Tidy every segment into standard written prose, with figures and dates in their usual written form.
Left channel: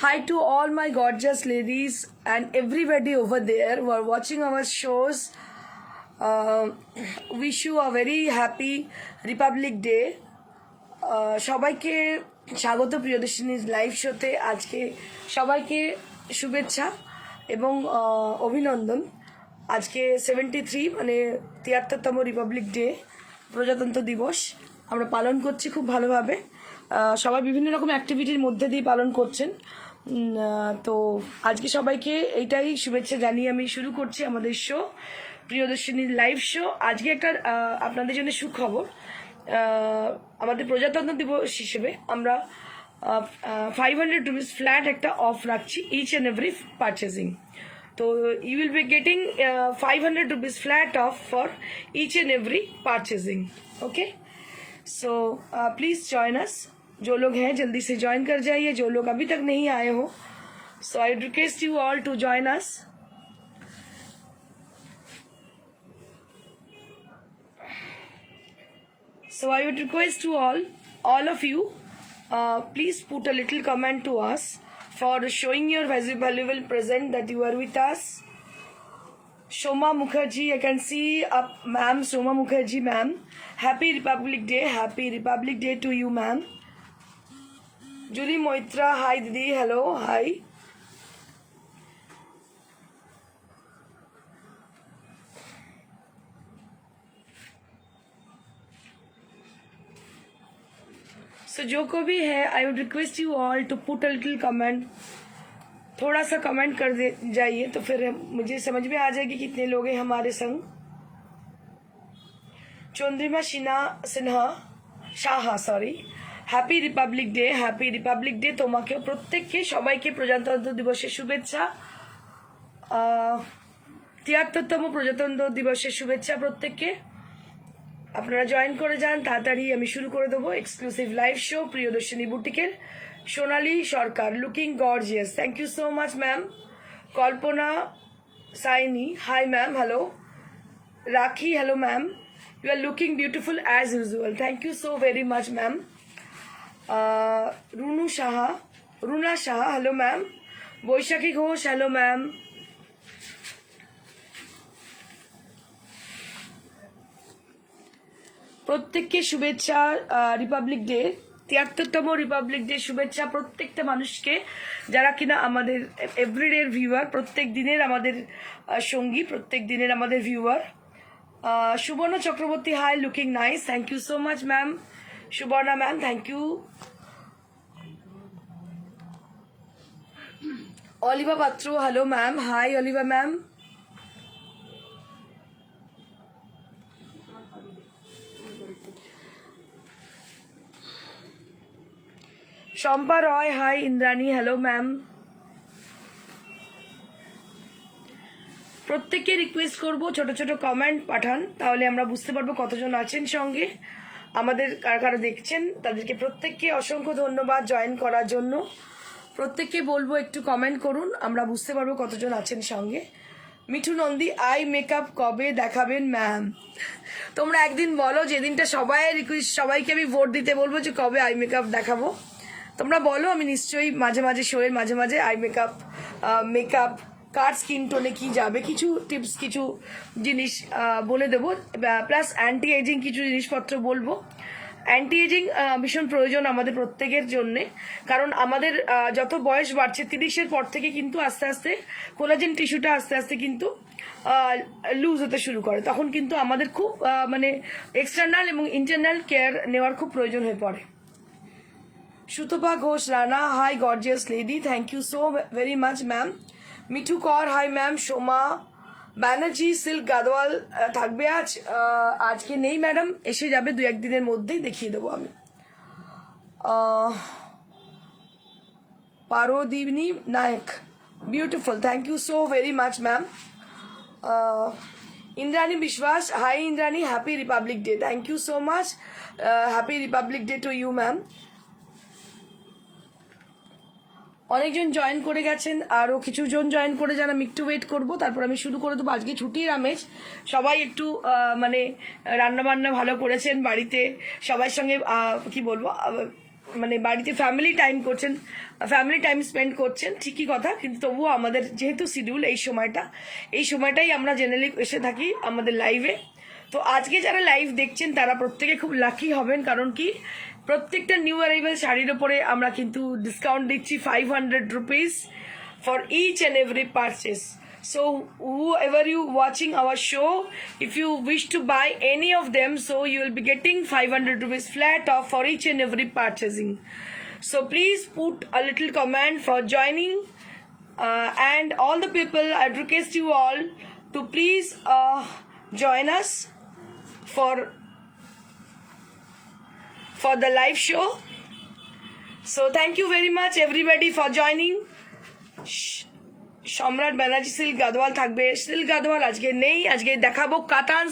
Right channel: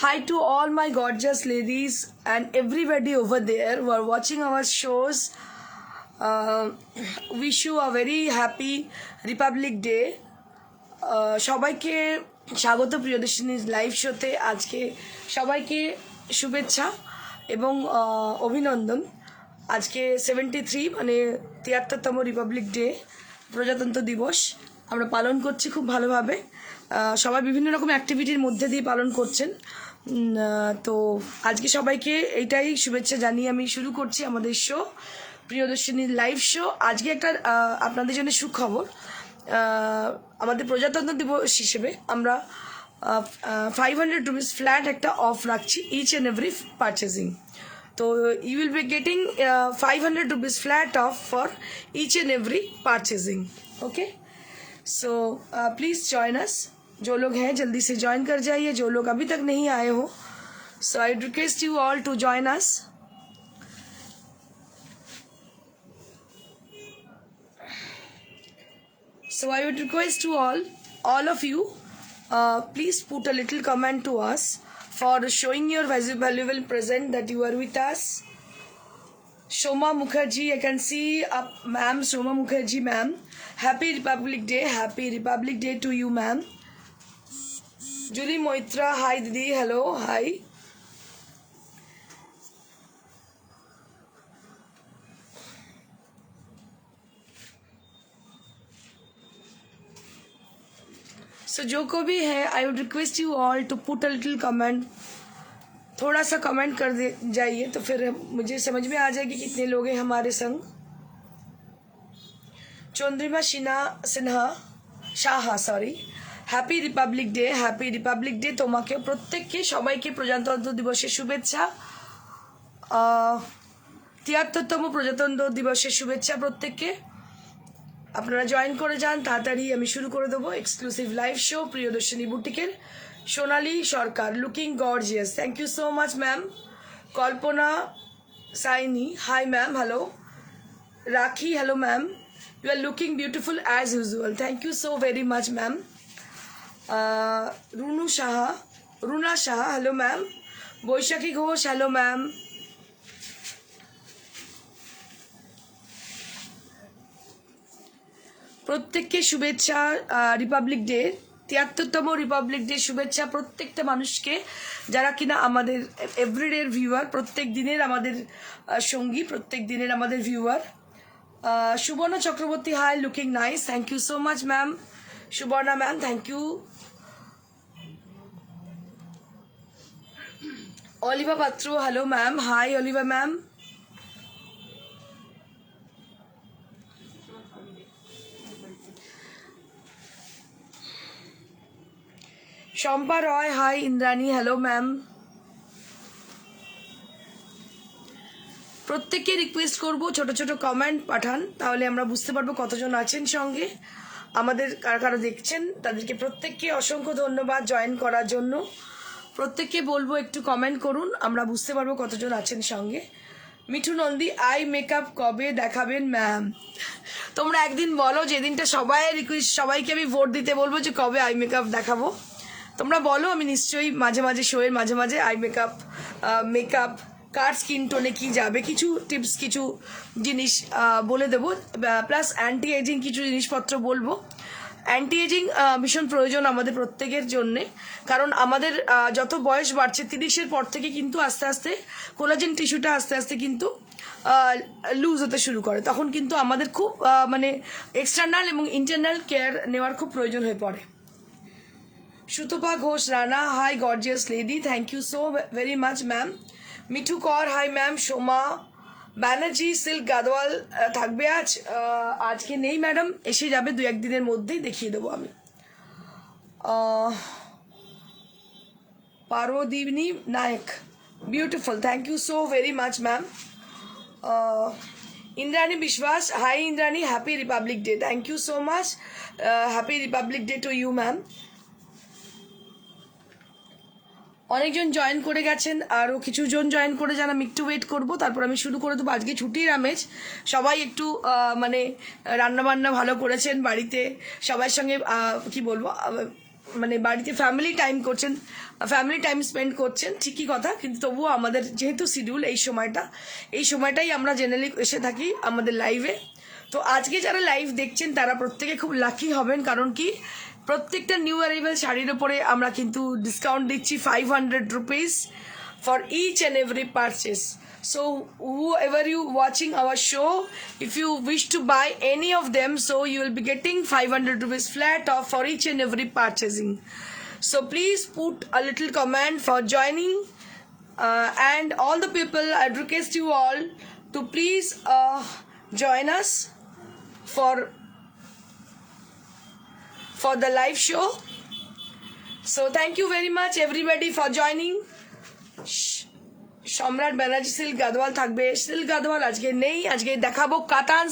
Hi to all my gorgeous ladies and everybody over there who are watching our shows. Wish you a very happy Republic Day. সবাইকে স্বাগত প্রিয়দর্শিনীর live শোতে। আজকে সবাইকে শুভেচ্ছা এবং অভিনন্দন। আজকে 73 মানে 73তম রিপাবলিক ডে, প্রজাতন্ত্র দিবস আমরা পালন করছি খুব ভালোভাবে। সবাই বিভিন্ন রকম অ্যাক্টিভিটির মধ্যে দিয়ে পালন করছেন। তো আজকে সবাইকে এইটাই শুভেচ্ছা জানিয়ে আমি শুরু করছি আমাদের শো, প্রিয়দর্শিনীর লাইভ শো। আজকে একটা আপনাদের জন্য সুখবর। আমাদের প্রজাতন্ত্র দিবস হিসেবে আমরা 500 রুপিস ফ্ল্যাট একটা অফ রাখছি ইচ অ্যান্ড এভরি পারচেজিং। তো you will be getting 500 rupees flat off for each and every purchasing. Okay, so please join us. जो लोग हैं जल्दी से ज्वाइन कर जाइए, जो लोग अभी तक नहीं आए हो। So I request you all to join us. So I would request to all of you, please put a little comment to us for showing your valuable present that you are with us. Shoma Mukherjee, I can see up, ma'am. Shoma Mukherjee, ma'am. Happy Republic Day. Happy Republic Day to you, ma'am. Julie Moitra, hi Didi. Hello, hi. सो जो को भी है, I would request you all to put a little comment. थोड़ा सा comment कर दे जाइए तो फिर मुझे समझ में आ जाएगी कितने लोग हैं हमारे संग। Chandrima Sinha Saha, sorry. Happy republic day, happy republic day তোমাকে প্রত্যেককে, সবাইকে প্রজাতন্ত্র দিবসের শুভেচ্ছা। 73তম প্রজাতন্ত্র দিবসের শুভেচ্ছা প্রত্যেককে। আপনারা জয়েন করে যান তাড়াতাড়ি। আমি শুরু করে দেবো এক্সক্লুসিভ লাইভ শো প্রিয়দর্শিনী বুটিকের। Sonali Sarkar, looking gorgeous, thank you so much ma'am. Kalpana Saini, hi ma'am, hello. Rakhi, hello ma'am. You are looking beautiful as usual, thank you so very much ma'am. Runa Saha, hello ma'am. Baishakhi Ghosh, hello ma'am. প্রত্যেককে শুভেচ্ছা republic day, 73তম republic day শুভেচ্ছা প্রত্যেকটা মানুষকে যারা কিনা আমাদের এভরিডের viewer, প্রত্যেক দিনের আমাদের সঙ্গী, প্রত্যেক দিনের আমাদের viewer. Subarna Chakraborty, hi, looking nice, thank you so much ma'am. Subarna ma'am, thank you. Oliva Patra, hello ma'am, hi Oliva ma'am. Shampa Roy, hi Indrani, hello ma'am. প্রত্যেককে রিকোয়েস্ট করব ছোট ছোট কমেন্ট পাঠান, তাহলে আমরা বুঝতে পারবো কতজন আছেন সঙ্গে আমাদের। কারা কারা দেখছেন তাদেরকে প্রত্যেককে অসংখ্য ধন্যবাদ জয়েন করার জন্য। প্রত্যেককে বলবো একটু কমেন্ট করুন, আমরা বুঝতে পারবো কতজন আছেন সঙ্গে। মিঠু নন্দী, আই মেকআপ কবে দেখাবেন ম্যাম? তোমরা একদিন বলো, যেদিনটা সবাইকে আমি ভোট দিতে বলবো যে কবে আই মেকআপ দেখাবো, তোমরা বলো। আমি নিশ্চয়ই মাঝে মাঝে শোয়ের মাঝে মাঝে আই মেকআপ কার স্কিন টোনে কী যাবে, কিছু টিপস, কিছু জিনিস বলে দেবো। প্লাস অ্যান্টি এজিং কিছু জিনিসপত্র বলবো। অ্যান্টি এজিং ভীষণ প্রয়োজন আমাদের প্রত্যেকের জন্যে, কারণ আমাদের যত বয়স বাড়ছে 30-এর পর থেকে কিন্তু আস্তে আস্তে কোলাজেন টিস্যুটা আস্তে আস্তে কিন্তু লুজ হতে শুরু করে। তখন কিন্তু আমাদের খুব মানে এক্সটার্নাল এবং ইন্টারনাল কেয়ার নেওয়ার খুব প্রয়োজন হয়ে পড়ে। Sutapa Ghosh Rana, hi gorgeous lady, thank you so very much ma'am. Mithu Kar, hi ma'am. Soma Banerjee, silk Gadwal থাকবে আজকে নেই ম্যাডাম, এসে যাবে 2-1 দিনের মধ্যেই, দেখিয়ে দেবো আমি। Parodini Nayak, beautiful, thank you so very much ma'am. Indrani Biswas, hi Indrani, happy republic day, thank you so much. Happy republic day to you ma'am. অনেকজন জয়েন করে গেছেন, আরও কিছুজন জয়েন করে যান। আমি একটু ওয়েট করবো, তারপর আমি শুরু করে দেবো। আজকে ছুটির আমেজ, সবাই একটু মানে রান্নাবান্না ভালো করেছেন বাড়িতে, সবার সঙ্গে কি বলবো মানে বাড়িতে ফ্যামিলি টাইম স্পেন্ড করছেন, ঠিকই কথা, কিন্তু তবুও আমাদের যেহেতু শিডিউল এই সময়টাই আমরা জেনারেলি এসে থাকি আমাদের লাইভে। তো আজকে যারা লাইভ দেখছেন তারা প্রত্যেকে খুব লাকি হবেন, কারণ কি প্রত্যেকটা নিউ অ্যারাইভাল শাড়ির ওপরে আমরা কিন্তু ডিসকাউন্ট দিচ্ছি 500 rupees for each and every purchase. So whoever you watching our show, if you wish to buy any of them, so you will be getting 500 rupees flat off for each and every purchasing. So please put a little comment for joining, and all the people, I request you all to please join us for the live show. So thank you very much everybody for joining. সম্রাট Banerjee silk Gadwal থাকবে, silk Gadwal আজকে নেই, আজকে দেখাবো কাতান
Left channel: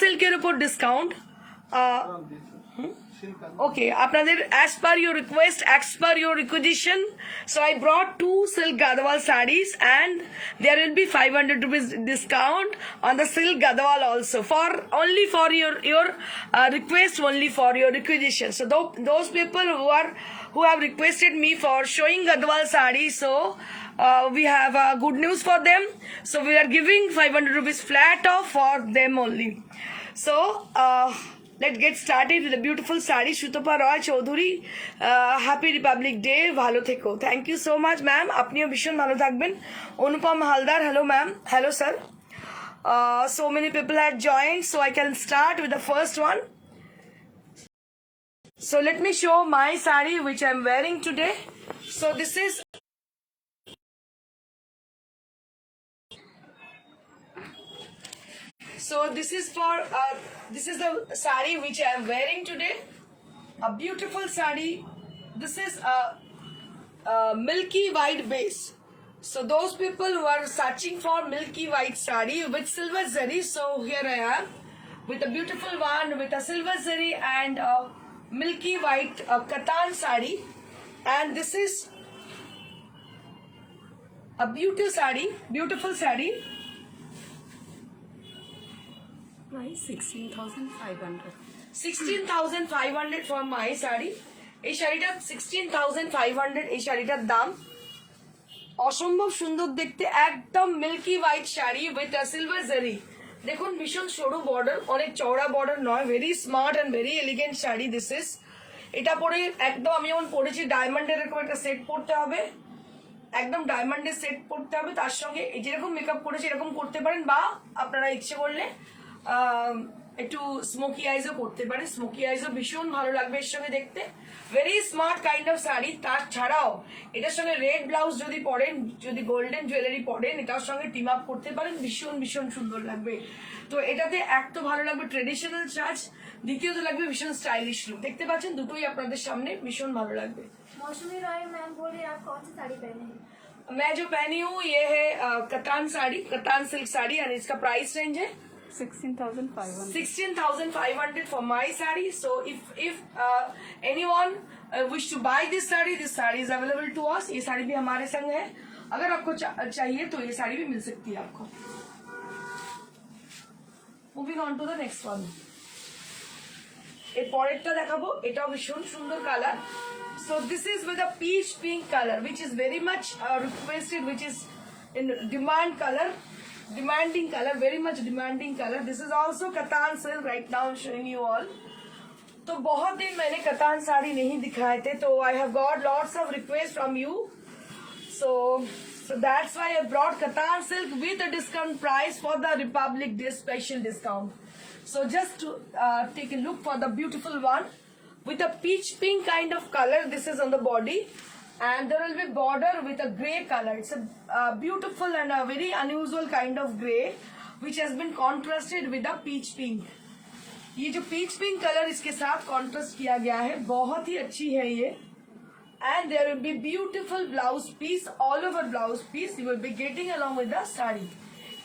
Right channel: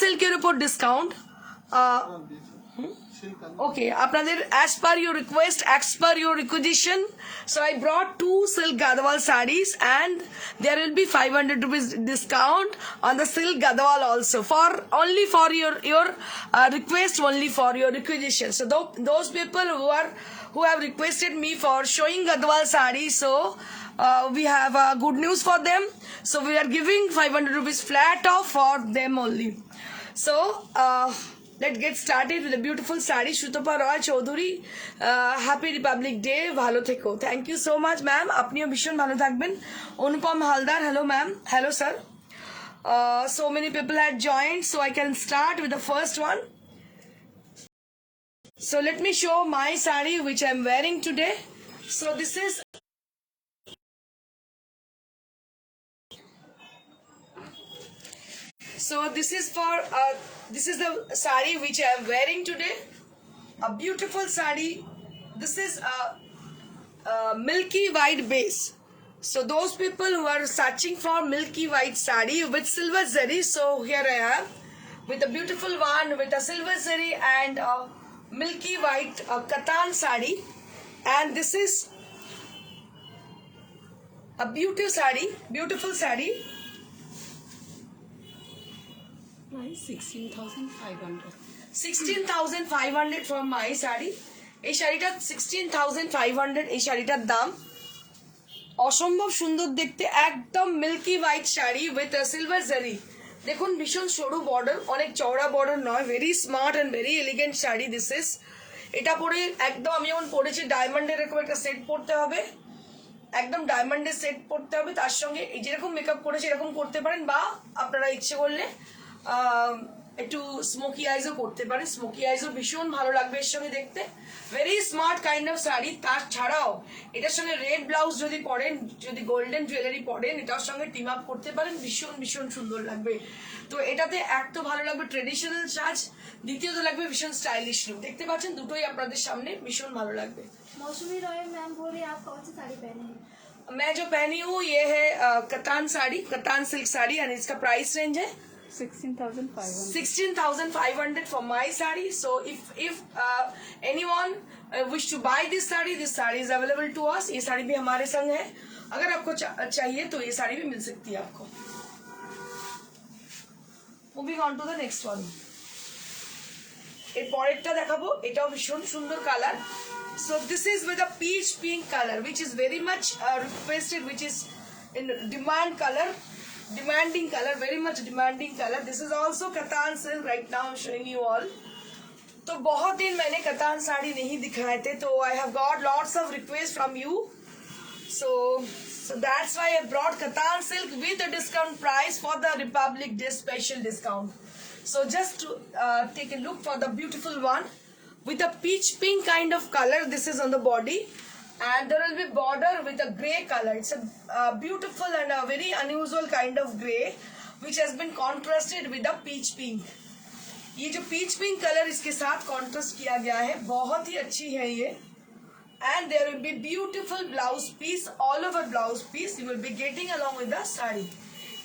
সিল্কের উপর discount. ওকে, আপনাদের as per your request, as per your requisition, so I brought 2 silk gadwal sarees and there will be 500 rupees discount on the silk gadwal also, for only for your request, only for your requisition. So those people who have requested me for showing gadwal sarees, so we have good news for them. So we are giving 500 rupees flat off for them only. So let's get started with a beautiful saree. Shutapa Roy Chaudhuri, happy Republic Day, bhalo theko. Thank you so much ma'am, apniyo bishon bhalo thakben. Anupam Haldar, hello ma'am, hello sir. So many people had joined, so I can start with the first one. So let me show my saree which I'm wearing today. So this is this is the saree which I am wearing today. A beautiful saree. This is a milky white base. So those people who are searching for milky white saree with silver zari, so here I am with a beautiful one with a silver zari and a milky white katan saree, and this is a beautiful saree. Price 16,500. 16,500 from my sari. এই শাড়িটা 16,500 এই শাড়িটার দাম। অসম্ভব সুন্দর দেখতে, একদম milky white sari with silver zari. দেখুন ভীষণ সরু বর্ডার, অনেক চওড়া বর্ডার নয়, very smart and very elegant sari this is. এটা পরে একদম আমি যেমন পরেছি ডায়মন্ডের এরকম একটা সেট পরতে হবে, একদম ডায়মন্ডের সেট পরতে হবে, তার সঙ্গে যেরকম মেকআপ করেছে এরকম করতে পারেন, বা আপনারা ইচ্ছে করলে একটু স্মোকি আইজও করতে পারেন। স্মোকি আইজও ভীষণ ভালো লাগবে এর সঙ্গে দেখতে, very smart kind of sari. তার ছাড়াও এটার সঙ্গে রেড ব্লাউজ যদি পরেন, যদি গোল্ডেন জুয়েলারি পরেন, এটার সঙ্গে টিম আপ করতে পারেন, ভীষণ সুন্দর লাগবে। তো এটাতে এক তো ভালো লাগবে ট্রেডিশনাল সাজ, দ্বিতীয়ত লাগবে ভীষণ স্টাইলিশ লুক। দেখতে পাচ্ছেন দুটোই আপনাদের সামনে, ভীষণ ভালো লাগবে। मौसमी रॉय मैम बोल रही आप कौन सी साड़ी पहने हैं? मैं जो पहनी हूँ ये है कतान साड़ी, कतान सिल्क साड़ी, और इसका प्राइस रेंज है 16,500. 16,500 for my saree. So if anyone wish to buy this saree is available to us. ये साड़ी भी हमारे संग है, अगर आपको चाहिए तो ये साड़ी भी मिल सकती है आपको। Moving on to the next one. এর পরেরটা দেখাবো, এটাও ভীষণ সুন্দর colour. So this is with a peach pink color, which is very much requested, which is in demanding color, very much demanding color. This is also Katan silk. Right now I'm showing you all. तो बहुत दिन मैंने कतान साड़ी नहीं दिखाए थे, तो I have got lots of requests from you. So that's why I brought Katan silk with a discount price for the Republic Day special discount. So just to take a look for the beautiful one with a peach pink kind of color. This is on the body, and there will be border with a grey color. It's a beautiful and a very unusual kind of grey which has been contrasted with a peach pink. ये जो peach pink colour इसके साथ contrast किया गया है, बहुत ही अच्छी है ये। And there will be beautiful blouse piece, all over blouse piece you will be getting along with the sari.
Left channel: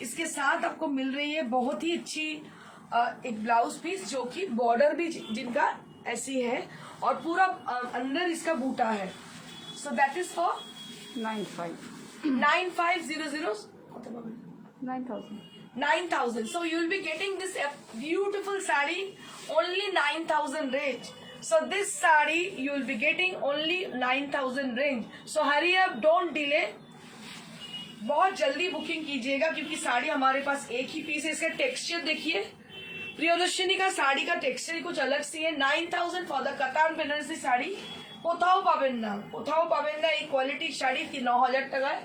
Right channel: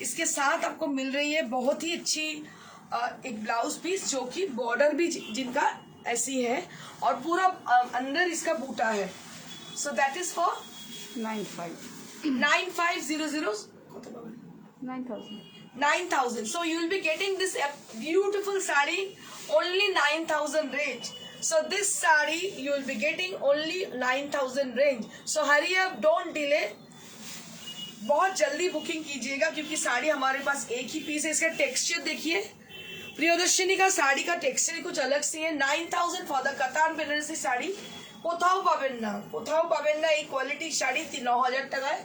इसके साथ आपको मिल रही है बहुत ही अच्छी एक ब्लाउज पीस, जो कि बॉर्डर भी जिनका ऐसी है और पूरा अंदर इसका बूटा है। So that is for 9500 9,000. So you will be getting this beautiful saree only 9,000 range. So this sari you will be getting only 9,000 range. So hurry up, don't delay. बहुत जल्दी बुकिंग कीजिएगा क्योंकि साड़ी हमारे पास एक ही पीस है. इसका टेक्सचर देखिए, प्रियदर्शिनी का साड़ी का टेक्सचर कुछ अलग से है. 9,000 फॉर द কাতান বেনারসি শাড়ি. কোথাও পাবেন না এই কোয়ালিটির শাড়ি 9,000 টাকায়.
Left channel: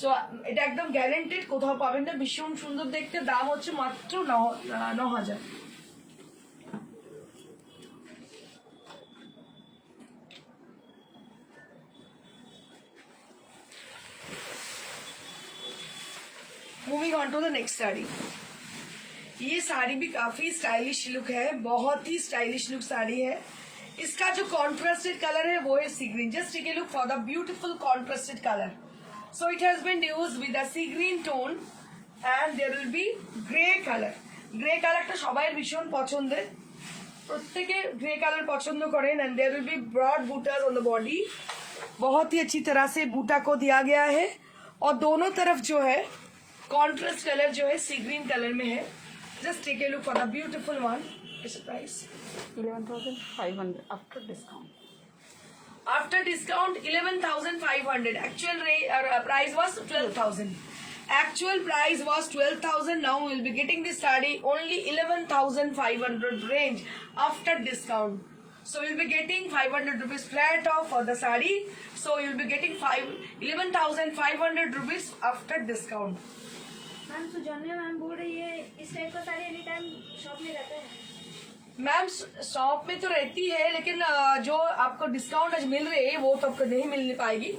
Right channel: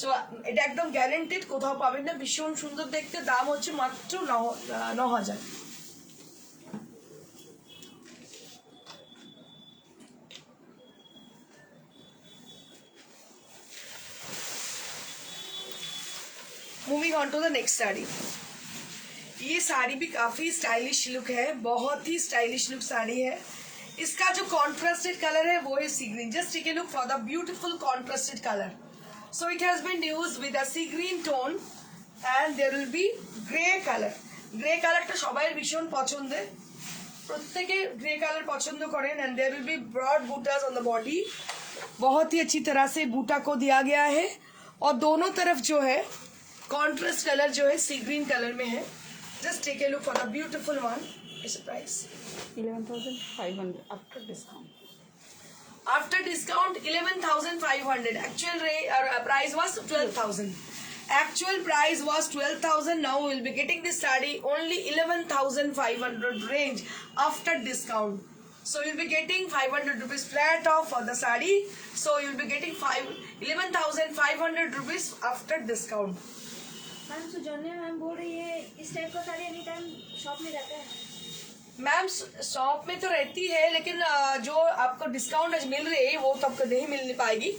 সো এটা একদম গ্যারেন্টেড, কোথাও পাবেন না. ভীষণ সুন্দর দেখতে, দাম হচ্ছে মাত্র 9,000. Moving on to the next sari. ये साड़ी भी काफी स्टाइलिश लुक है, बहुत ही स्टाइलिश लुक साड़ी है. इसका जो कॉन्ट्रास्टेड कलर है वो है sea green. Just take a look for the beautiful contrasted colour. So it has been used with a sea green tone and there will be grey colour. Grey কালারটা সবাই ভীষণ পছন্দের, প্রত্যেকে গ্রে কালার পছন্দ করেন. And there will be broad buttas on the body. बहुत ही अच्छी तरह से बूटा को दिया गया है और दोनों तरफ जो है कॉन्ट्रास्ट कलर जो है सी ग्रीन कलर में है. Just take a look for the beautiful one. It's price 11,500 after discount. After discount 11,500. Actual price was 12,000. Actual price was 12,000. Now we will be getting this saree only 11,500 range after discount. So you'll be getting 500 rupees flat off for the saree. So you'll be getting 11,500 rupees after discount. Ma'am Sujanya ma'am बोल रही है इस type का sari any time shop में रहता है. Ma'am shop में तो रहती है लेकिन जो आपको डिस्काउंट आज मिल रही है वो तो आपको नहीं मिल पाएगी.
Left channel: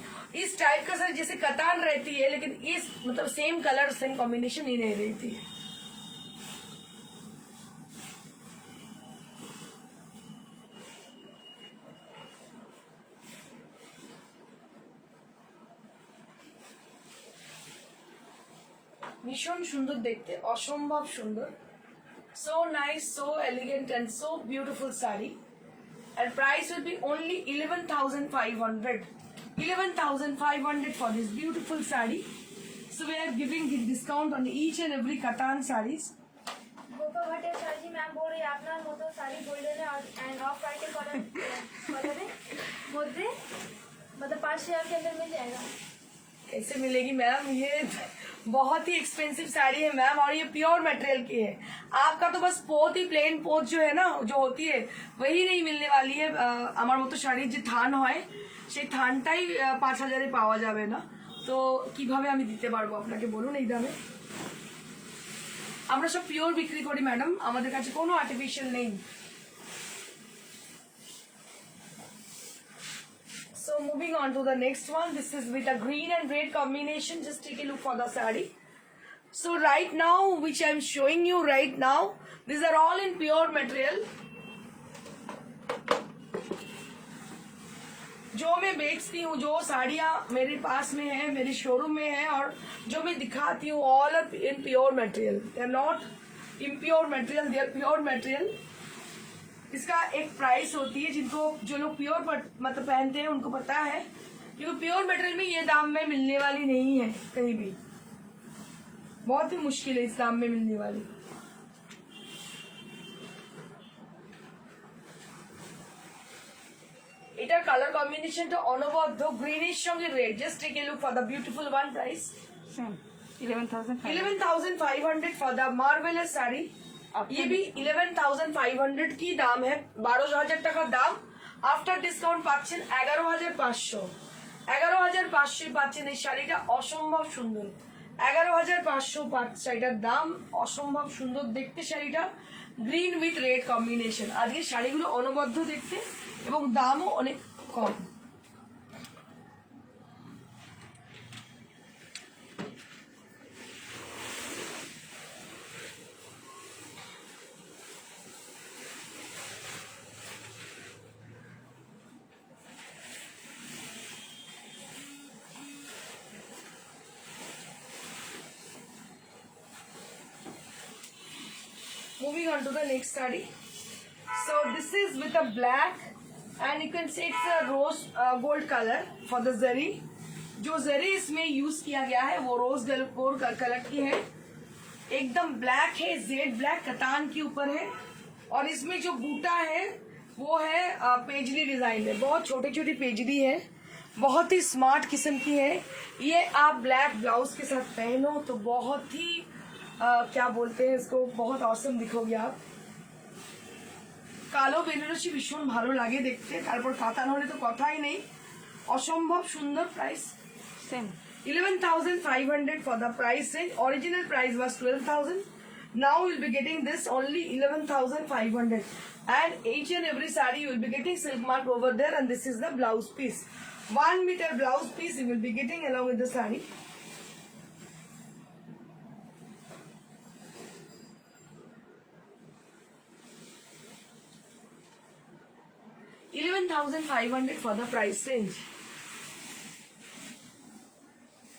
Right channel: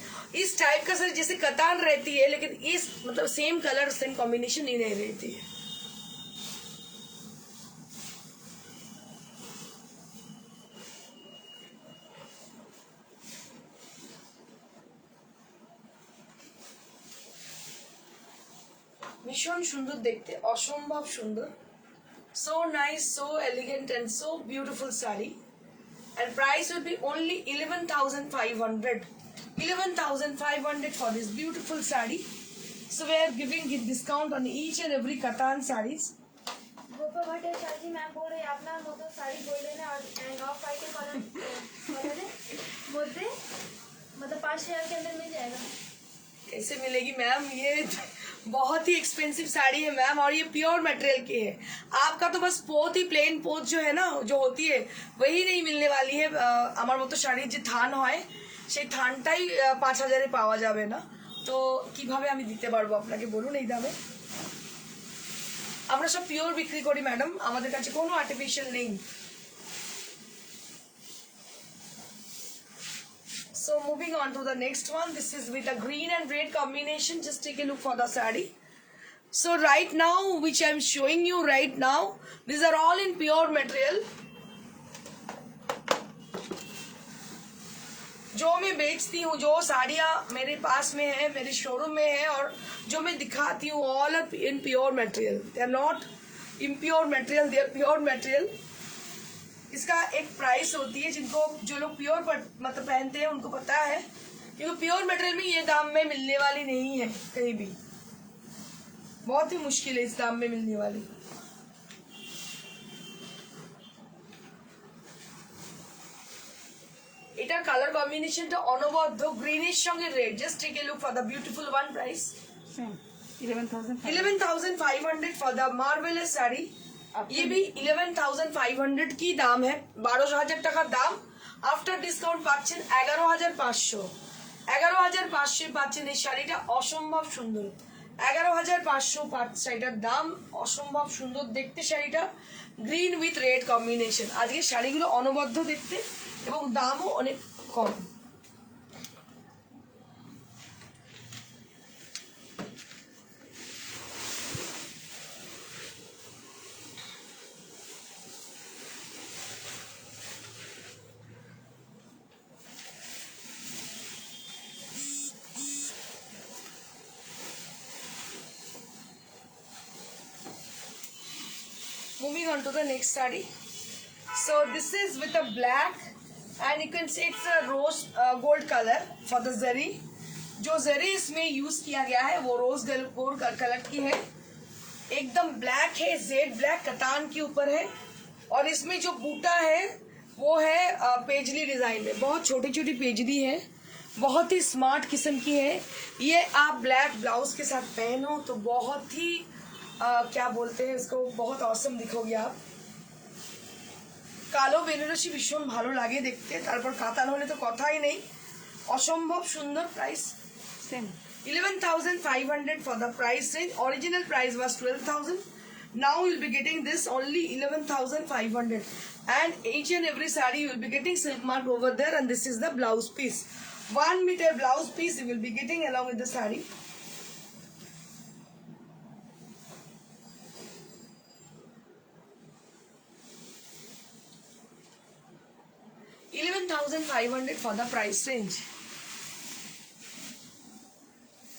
इस टाइप का सर जैसे कतान रहती है लेकिन इस मतलब सेम कलर सेम कॉम्बिनेशन ही नहीं रहती है. ভীষণ সুন্দর দেখতে, অসম্ভব সুন্দর. So nice, so elegant and so beautiful saree. And price will be only 11,500. 11,500 for this beautiful saree. So we are giving discount on each and every Katan sarees. Gopa Bhattacharya ji ma'am बोल रही है আপনার মতো sari golden and off white colour মধ্যে मतलब 5,000 के अंदर मिल जाएगा. कैसे मिलेगी मैम? ये बहुत ही एक्सपेंसिव साड़ी है मैम और ये प्योर मटेरियल की है. आपका तो बस पोत ही प्लेन पोत जो है ना जो होती है वही नहीं मिलने वाली है. আমার মতো শাড়ির যে থান হয় সেই থানটাই 5,000-এ পাওয়া যাবে না. তো কিভাবে আমি দিতে পারবো আপনাকে বলুন এই দামে? আমরা সব পিওর বিক্রি করি ম্যাডাম, আমাদের কাছে কোনো আর্টিফিশিয়াল নেই. So moving on to the next one. This is with a green and red combination. Just take a look for the saree. So right now, which I am showing you right now, these are all in pure material. जो मैं बेचती हूँ, जो साड़ियाँ मेरे पास में है, मेरे शोरूम में है और जो मैं दिखाती हूँ, all are in pure material. They are not impure material. They are pure material. इसका एक प्राइस होती है, जिनको जो लोग प्योर मतलब पहनते हैं उनको पता है, क्योंकि प्योर मटेरियल में ये दाम में मिलने वाली नहीं है कहीं भी. बहुत ही मुश्किल है इस दाम में मिलने वाली. এটার কালার কম্বিনেশনটা অনবদ্য, গ্রিনিশ সঙ্গে red. Just take a look for the beautiful one. Price Same. 11,500. 11,500 for the marvellous sari. ये भी 11,500 की दाम है. 12,000 টাকা দাম. আফটার ডিসকাউন্ট পাচ্ছেন 11,500. 11,500 পাচ্ছেন এই শাড়িটা. অসম্ভব সুন্দর. 11,500 শাড়িটার দাম. অসম্ভব সুন্দর দেখতে শাড়িটা, গ্রিন উইথ রেড কম্বিনেশন. আজকে শাড়িগুলো অনবদ্য দেখতে এবং দামও অনেক কম. Moving on to the next saree. So this is with a black and you can say it's a rose gold color for the zari. जो जरी इसमें यूज किया गया है वो रोज गोल्ड कलर की है. एकदम ब्लैक है, जेड ब्लैक कतान के ऊपर है और इसमें जो बूटा है वो है पेजली डिजाइन में, बहुत छोटी छोटी पेजली है, बहुत ही स्मार्ट किस्म की है। ये आप ब्लैक ब्लाउज के साथ पहनो तो बहुत ही क्या बोलते हैं इसको, बहुत औसम दिखोगे आप। কালো বেনারসি ভীষণ ভালো লাগে দেখতে, তারপর কাতান হলে তো কথাই নেই, অসম্ভব সুন্দর। Price Same. 11,500 for the price range. Original price was 12,000. Now you'll be getting this only 11,500. And each and every saree you will be getting silk mark over there, and this is the blouse piece. 1 meter blouse piece you will be getting along with the saree. $11,500 for the price range.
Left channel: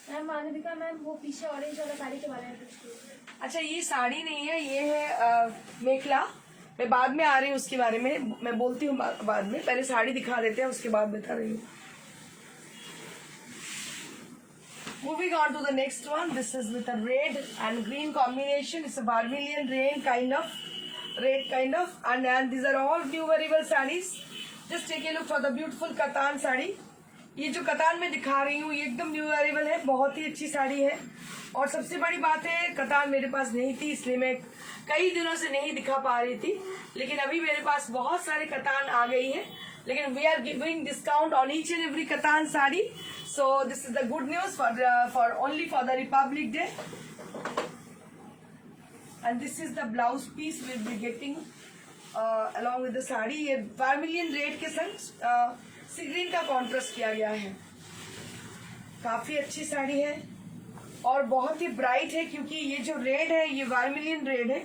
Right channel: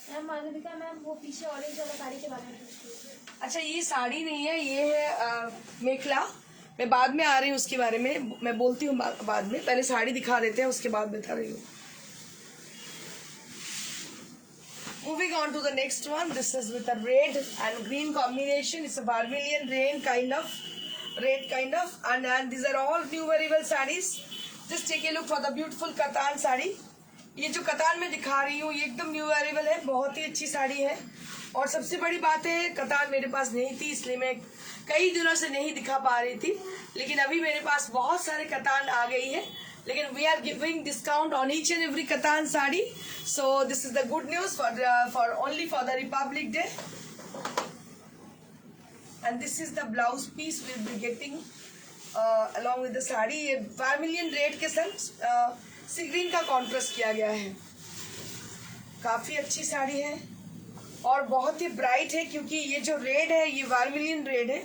Ma'am Malavika ma'am वो पीछे orange वाला साड़ी के बारे में पूछ रही थी। अच्छा, ये साड़ी नहीं है, ये है मेखला। मैं बाद में आ रही हूँ उसके बारे में, मैं बोलती हूँ बाद में, पहले साड़ी दिखा देते हैं उसके बाद बता रही हूँ। Moving on to the next one, this is with a red and green combination. It's a Barbarian rain kind of, red kind of, and these are all new wearable sarees. Just take a look for the beautiful कतान sari. ये जो कतान में दिखा रही हूँ ये एकदम new arrival है, बहुत ही अच्छी साड़ी है। और सबसे बड़ी बात है, कतान मेरे पास नहीं थी इसलिए मैं कई दिनों से नहीं दिखा पा रही थी, लेकिन अभी मेरे पास बहुत सारे कतान आ गई है। लेकिन we are giving discount on each and every katan sari, so this is the good news for only for the republic day. And this is the blouse piece we will be getting along with the sari. ये vermilion red के संग सी green का contrast किया गया है। काफी अच्छी साड़ी है और बहुत ही ब्राइट है, क्योंकि ये जो रेड है ये वर्मिलियन रेड है।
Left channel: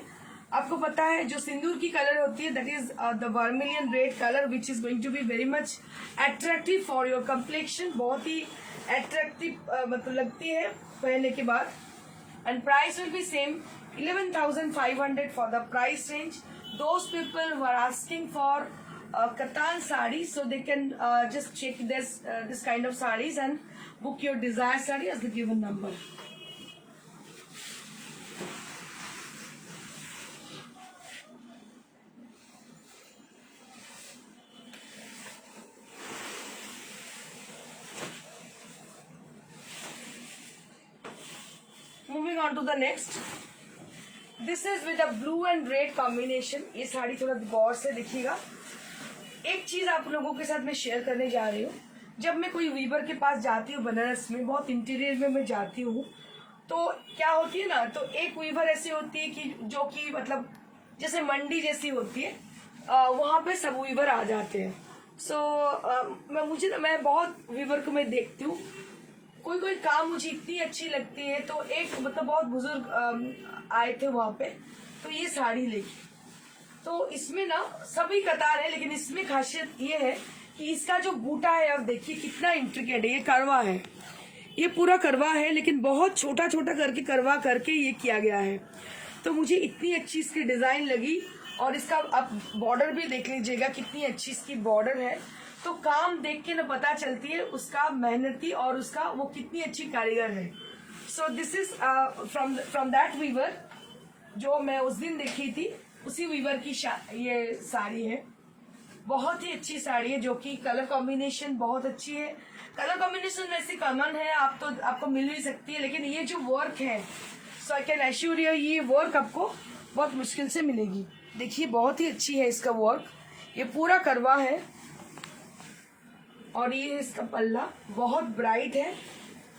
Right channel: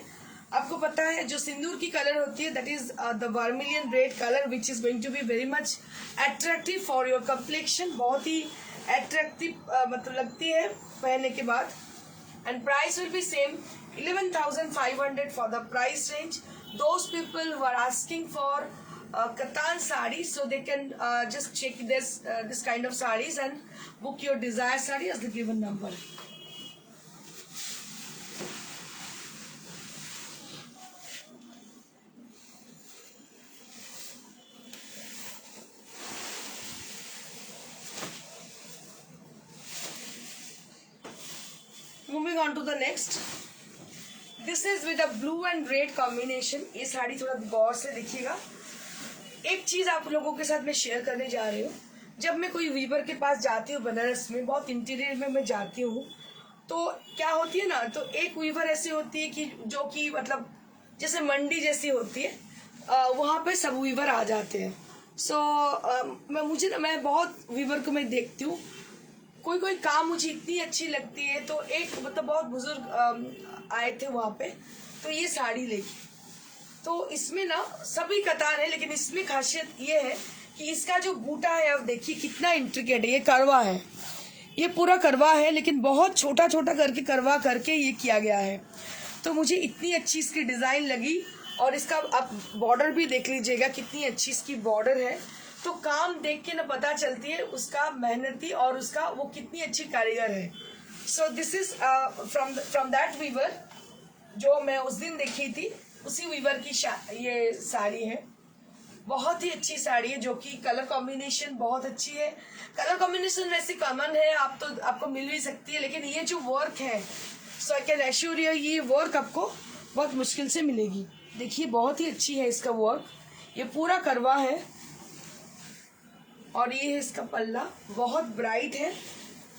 आपको पता है जो सिंदूर की कलर होती है, that is the vermilion red colour which is going to be very much attractive for your complexion. बहुत ही अट्रैक्टिव मतलब लगती है पहनने के बाद। And price will be same 11,500 for the price range. Those people who are asking for katan sari, so they can just check this kind of sarees and book your desired sari as the given number. Moving on to the next. This is with a blue and red combination. ये साड़ी थोड़ा गौर से देखिएगा। एक चीज आप लोगों के साथ मैं शेयर करने जा रही हूँ। जब मैं कोई वीवर के पास जाती हूँ बनारस में, बहुत इंटीरियर में मैं जाती हूँ, तो क्या होती है ना, तो एक वीवर ऐसी होती है कि जो कि मतलब जैसे मंडी जैसी होती है, वहाँ पे सब वीवर आ जाते हैं। सो मैं बहुत वीवर को मैं देखती हूँ, कोई काम मुझे इतनी अच्छी लगती है, तो एक मतलब बहुत बुजुर्ग आए थे वहाँ पे, तो ये साड़ी लेके, तो इसमें ना सभी कतार है, लेकिन इसमें खासियत ये है कि इसका जो बूटा है, अब देखिए कितना इंट्रिकेट है। ये करवा है, ये पूरा करवा है, लेकिन बहुत छोटा छोटा करके करवा करके ये किया गया है। तो मुझे इतनी अच्छी इसकी डिजाइन लगी, और इसका आप बॉर्डर भी देख लीजिएगा कितनी अच्छी इसकी बॉर्डर है। तो काम देख के ना पता चलती है उसका मेहनती और उसका वो कितनी अच्छी कारीगर है। So this is from that weaver जो मैं उस दिन देखी थी, उसी वीवर की ये साड़ी है। बहुत ही अच्छी साड़ी है, जो कि कलर कॉम्बिनेशन बहुत अच्छी है। कलर कॉम्बिनेशन वैसे कॉमन है, आपको मिल भी सकती है, लेकिन ये जो वर्क है, सो आई कैन एश्योर यू ये वर्क आपको बहुत मुश्किल से मिलेगी। देखिए बहुत ही अच्छी है इसका वर्क, ये पूरा करवा है, और ये है इसका पल्ला, बहुत ब्राइट है।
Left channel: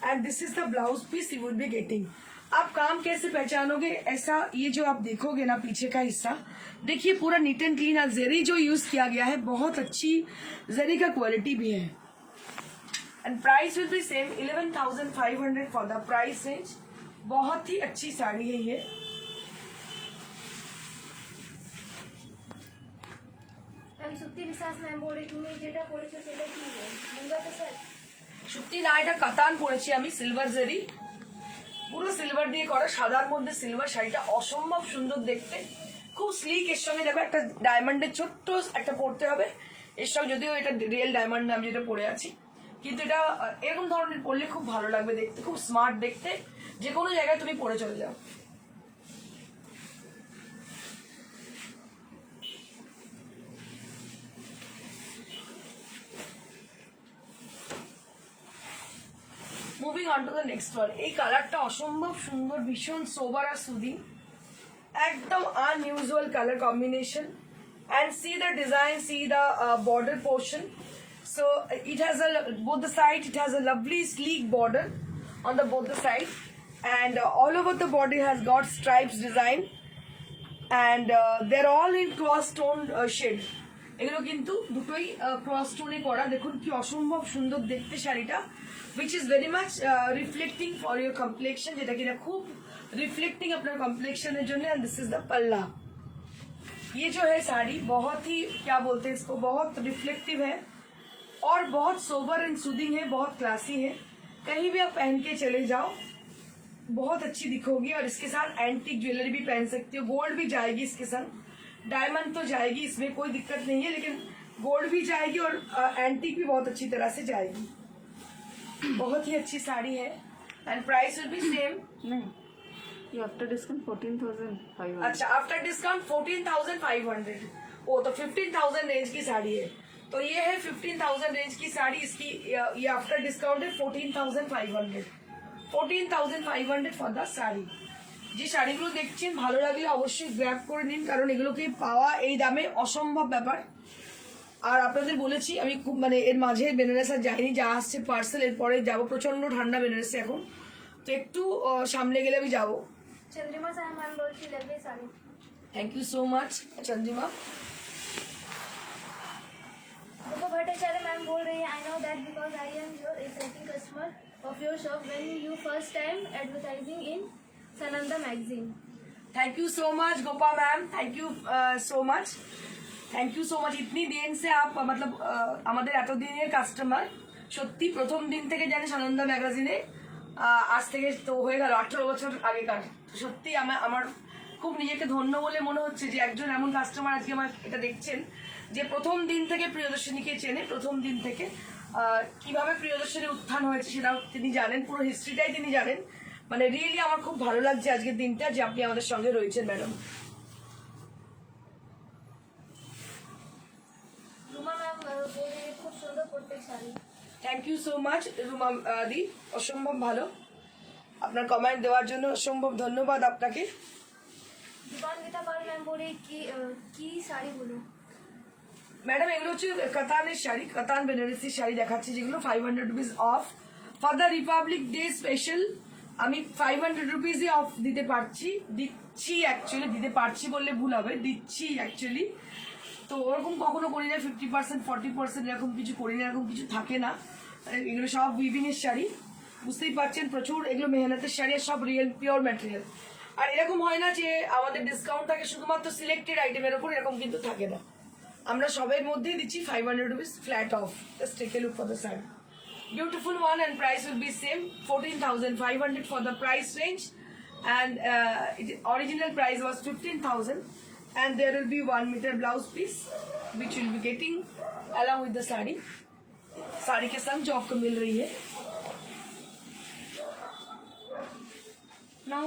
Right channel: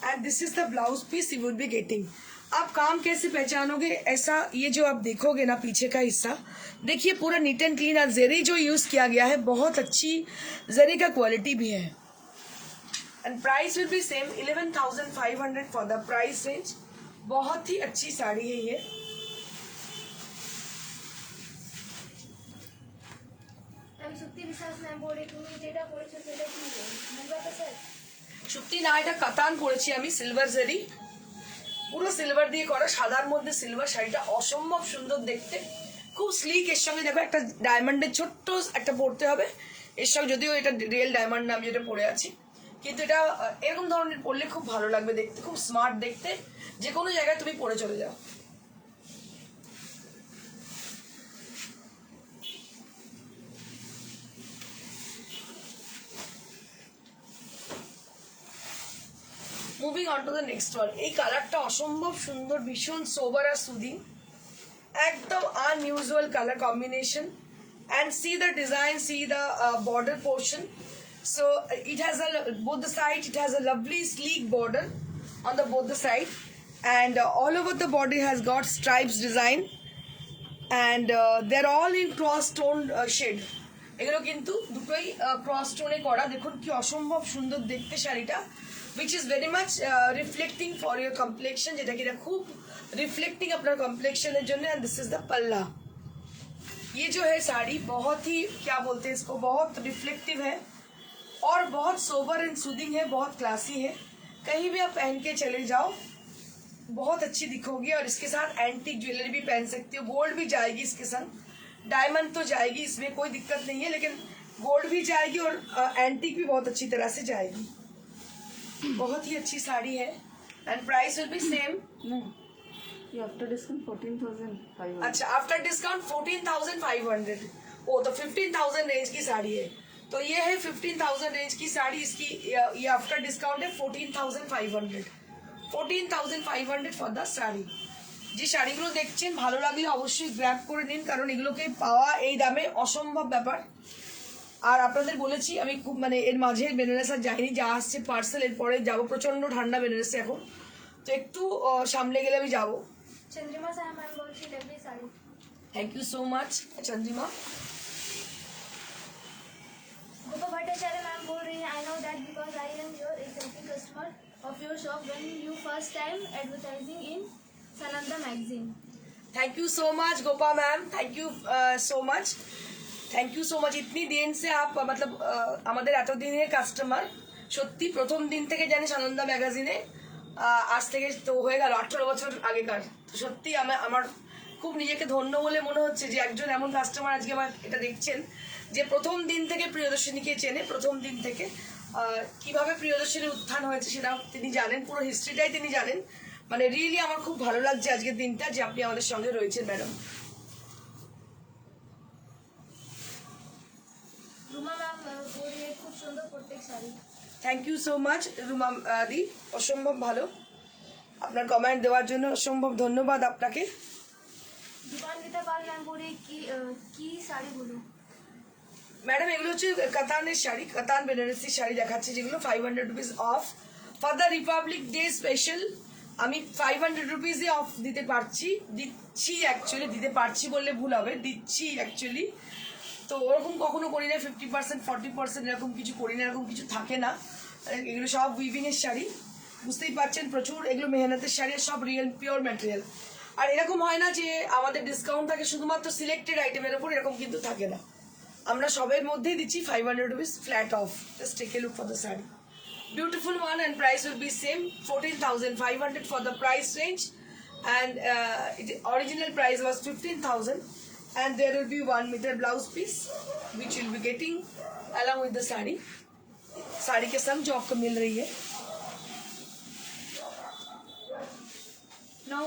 And this is the blouse piece you would be getting. आप काम कैसे पहचानोगे, ऐसा ये जो आप देखोगे ना पीछे का हिस्सा, देखिए पूरा नीट एंड क्लीन। और जरी जो यूज किया गया है बहुत अच्छी जरी का क्वालिटी भी है। And price will be same 11,500 for the price range. बहुत ही अच्छी साड़ी है ये। সত্যি বিশ্বাস ম্যাম বলে তুমি যেটা করেছো সেটা কি মুঙ্গাটা স্যার সত্যি না, এটা কাতান পরেছি আমি, সিলভার জরি, পুরো সিলভার দিয়ে করা, সাদার মধ্যে সিলভার। শাড়িটা অসম্ভব সুন্দর দেখতে, খুব স্লিক। এর সঙ্গে দেখো একটা ডায়মন্ডের ছোট্ট একটা পরতে হবে এর সঙ্গে, যদিও এটা রিয়েল ডায়মন্ড নাম যেটা পরে আছি, কিন্তু এটা এরকম ধরনের পরলে খুব ভালো লাগবে দেখতে, খুব স্মার্ট দেখতে। যে কোনো জায়গায় তুমি পরে চলে যাও। Moving on to the next one. এই কালারটা অসম্ভব সুন্দর, ভীষণ সোবার আর সুদিং, একদম unusual colour combination. And see the design, see the border portion. So it has both the side, it has a lovely sleek border on the both the side, and all over the body has got stripes design, and they're all in cross tone shade. এগুলো কিন্তু দুটোই cross টোনে করা। দেখুন কি অসম্ভব সুন্দর দেখতে শাড়িটা, which is very much reflecting for your complexion, যেটা কিনা খুব রিফ্লেক্টিং আপনার কমপ্লেক্সনের জন্য। and this is the palla। ये जो है साड़ी बहुत ही क्या बोलते हैं इसको, बहुत रिफ्लेक्टिव है और बहुत सोबर एंड सूदिंग है, बहुत क्लासी है। कहीं भी आप पहन के चले जाओ बहुत अच्छी दिखोगी। और इसके साथ एंटीक ज्वेलरी भी पहन सकती हो, गोल्ड भी जाएगी इसके साथ, डायमंड तो जाएगी, इसमें कोई दिक्कत नहीं है, लेकिन गोल्ड भी जाएगी और एंटीक भी बहुत अच्छी तरह से जाएगी। बहुत ही अच्छी साड़ी है and price will be same. नहीं, ये आफ्टर डिस्काउंट 14,500। अच्छा, आफ्टर डिस्काउंट 14,500। वो तो 15,000 रेंज की साड़ी है, तो ये है 15,000 रेंज की साड़ी। इसकी ये आफ्टर डिस्काउंट है 14,500। 14,500 ফর দ্য শাড়ি। যে শাড়িগুলো দেখছেন ভালো লাগলে অবশ্যই গ্র্যাব করে নিন, কারণ এগুলোকে পাওয়া এই দামে অসম্ভব ব্যাপার। আর আপনাদের বলেছি আমি খুব মানে এর মাঝে বেনারস আর যাইনি, যা আসছে পার্সেল, এরপরে যাবো। প্রচণ্ড ঠান্ডা বেনারসে এখন, তো একটু সামলে গেলে আমি যাবো। चंद्रिमा साहब मैम बोलती लगे sari. Thank you so much Chandrima. Gopa Bhattacharya ma'am बोल रही है, I know that because I am your exciting customer of your shop when you first time advertising in Sananda magazine. Thank you so much Gopa ma'am, thank you so much, thank you so much. इतनी दिन से आप मतलब আমাদের এতদিনের customer, সত্যি প্রথম দিন থেকে জানি সানন্দা ম্যাগাজিনে, আজ থেকে তো হয়ে গেল 18 বছর আগেকার। তো সত্যি আমার খুব নিজেকে ধন্য বলে মনে হচ্ছে যে একজন এমন কাস্টমার আজকে আমার এটা দেখছেন যে প্রথম দিন থেকে প্রিয়দর্শিনীকে চেনে, প্রথম দিন থেকে কিভাবে প্রিয়দর্শিনীর উত্থান হয়েছে সেটাও তিনি জানেন, পুরো হিস্ট্রিটাই তিনি জানেন। মানে রিয়েলি আমার খুব ভালো লাগছে আজকের দিনটা যে আপনি আমাদের সঙ্গে রয়েছেন ম্যাডাম। रूमा मैम बोल रही है खूब सुंदर प्रत्येक sari. Thank you so much Ruma di, অসম্ভব ভালো, আপনার কমেন্ট দেওয়ার জন্য অসম্ভব ধন্যবাদ আপনাকে। दीपान्विता पाल मैम बोल रही की साड़ी बोलो। ম্যাডাম এগুলো হচ্ছে কাতানের শাড়ি, কাতান বেনারসি শাড়ি দেখাচ্ছি, যেগুলো 500 rupees of for the Republic day special. আমি 500 রুপিসে অফ দিতে পারছি, দিচ্ছি অ্যাকচুয়ালি, দিতে পারছি বললে ভুল হবে, দিচ্ছি অ্যাকচুয়ালি। তো ওরকম কখনো করি না 50%, 40% এরকম কিছু করি না, এরকম কিছু থাকে না। এগুলো সব উইভিংয়ের শাড়ি, বুঝতেই পারছেন, প্রচুর এগুলো মেহনতের শাড়ি, আর সব রিয়েল পিওর ম্যাটেরিয়াল। আর এরকম হয় না যে আমাদের ডিসকাউন্ট থাকে শুধুমাত্র সিলেক্টেড আইটেমের ওপর, এরকম কিন্তু থাকে না। আমরা সবের মধ্যেই দিচ্ছি 500 rupees flat off. Just take a look for the sari, beautiful one, and price will be same 14,500 for the price range, and original price was 15,000, and there will be 1 meter blouse piece which you'll be getting along with the sari। Sari के संग जो आपको मिल रही है। Now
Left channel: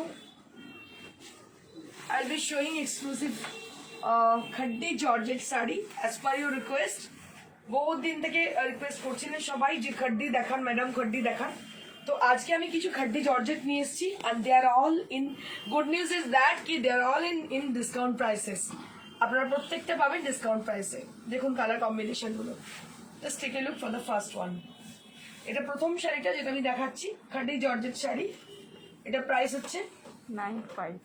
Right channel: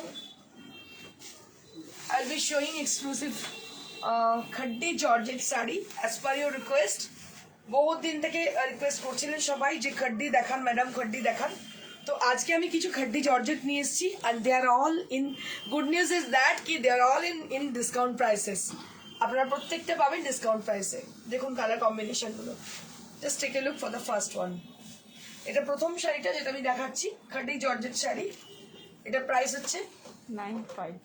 I'll be showing exclusive khaddi georgette sari as per your request। बहुत दिन থেকে request করছিলেন সবাই যে খড্ডি দেখান ম্যাডাম, খড্ডি দেখান। তো আজকে আমি কিছু খড্ডি জর্জেট নিয়ে এসেছি, and they are all in, good news is that কি they are all in discount prices. আপনারা প্রত্যেকটা পাবেন ডিসকাউন্ট প্রাইসে। দেখুন কালার কম্বিনেশনগুলো, just take a look for the first one. এটা প্রথম শাড়িটা যেটা আমি দেখাচ্ছি, খড্ডি জর্জেট শাড়ি। এটা প্রাইস হচ্ছে 9,500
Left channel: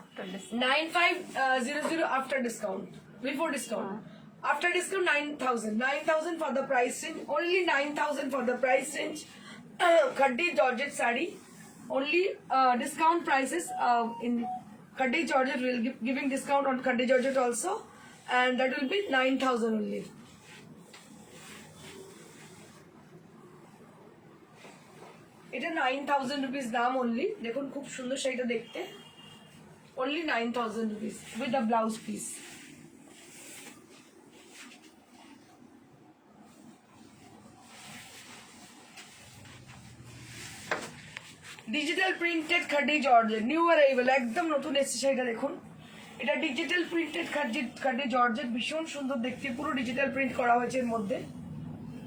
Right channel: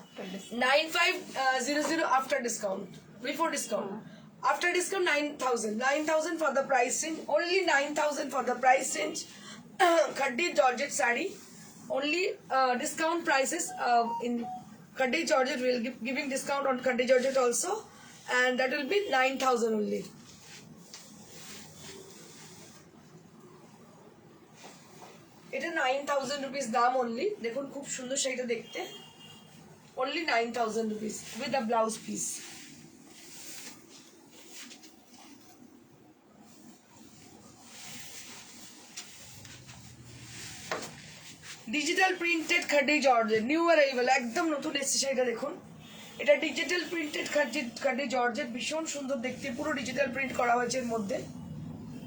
after discount। 9,500 after discount, before discount। After discount 9,000, 9,000 for the price range, only 9,000 for the price range। Khaddi Georgette sari, only discount prices in Khaddi Georgette, will giving discount on Khaddi Georgette also, and that will be 9,000 only। এটা 9,000 rupees দাম only। দেখুন খুব সুন্দর শাড়িটা দেখতে, only 9,000 rupees with a blouse piece। Digital printed খাড্ডি georgette, new arrival, একদম নতুন এসেছে শাড়িটা। দেখুন এটা ডিজিটাল প্রিন্টেড খাড্ডি জর্জেট, ভীষণ সুন্দর দেখতে, পুরো ডিজিটাল প্রিন্ট করা হয়েছে এর মধ্যে।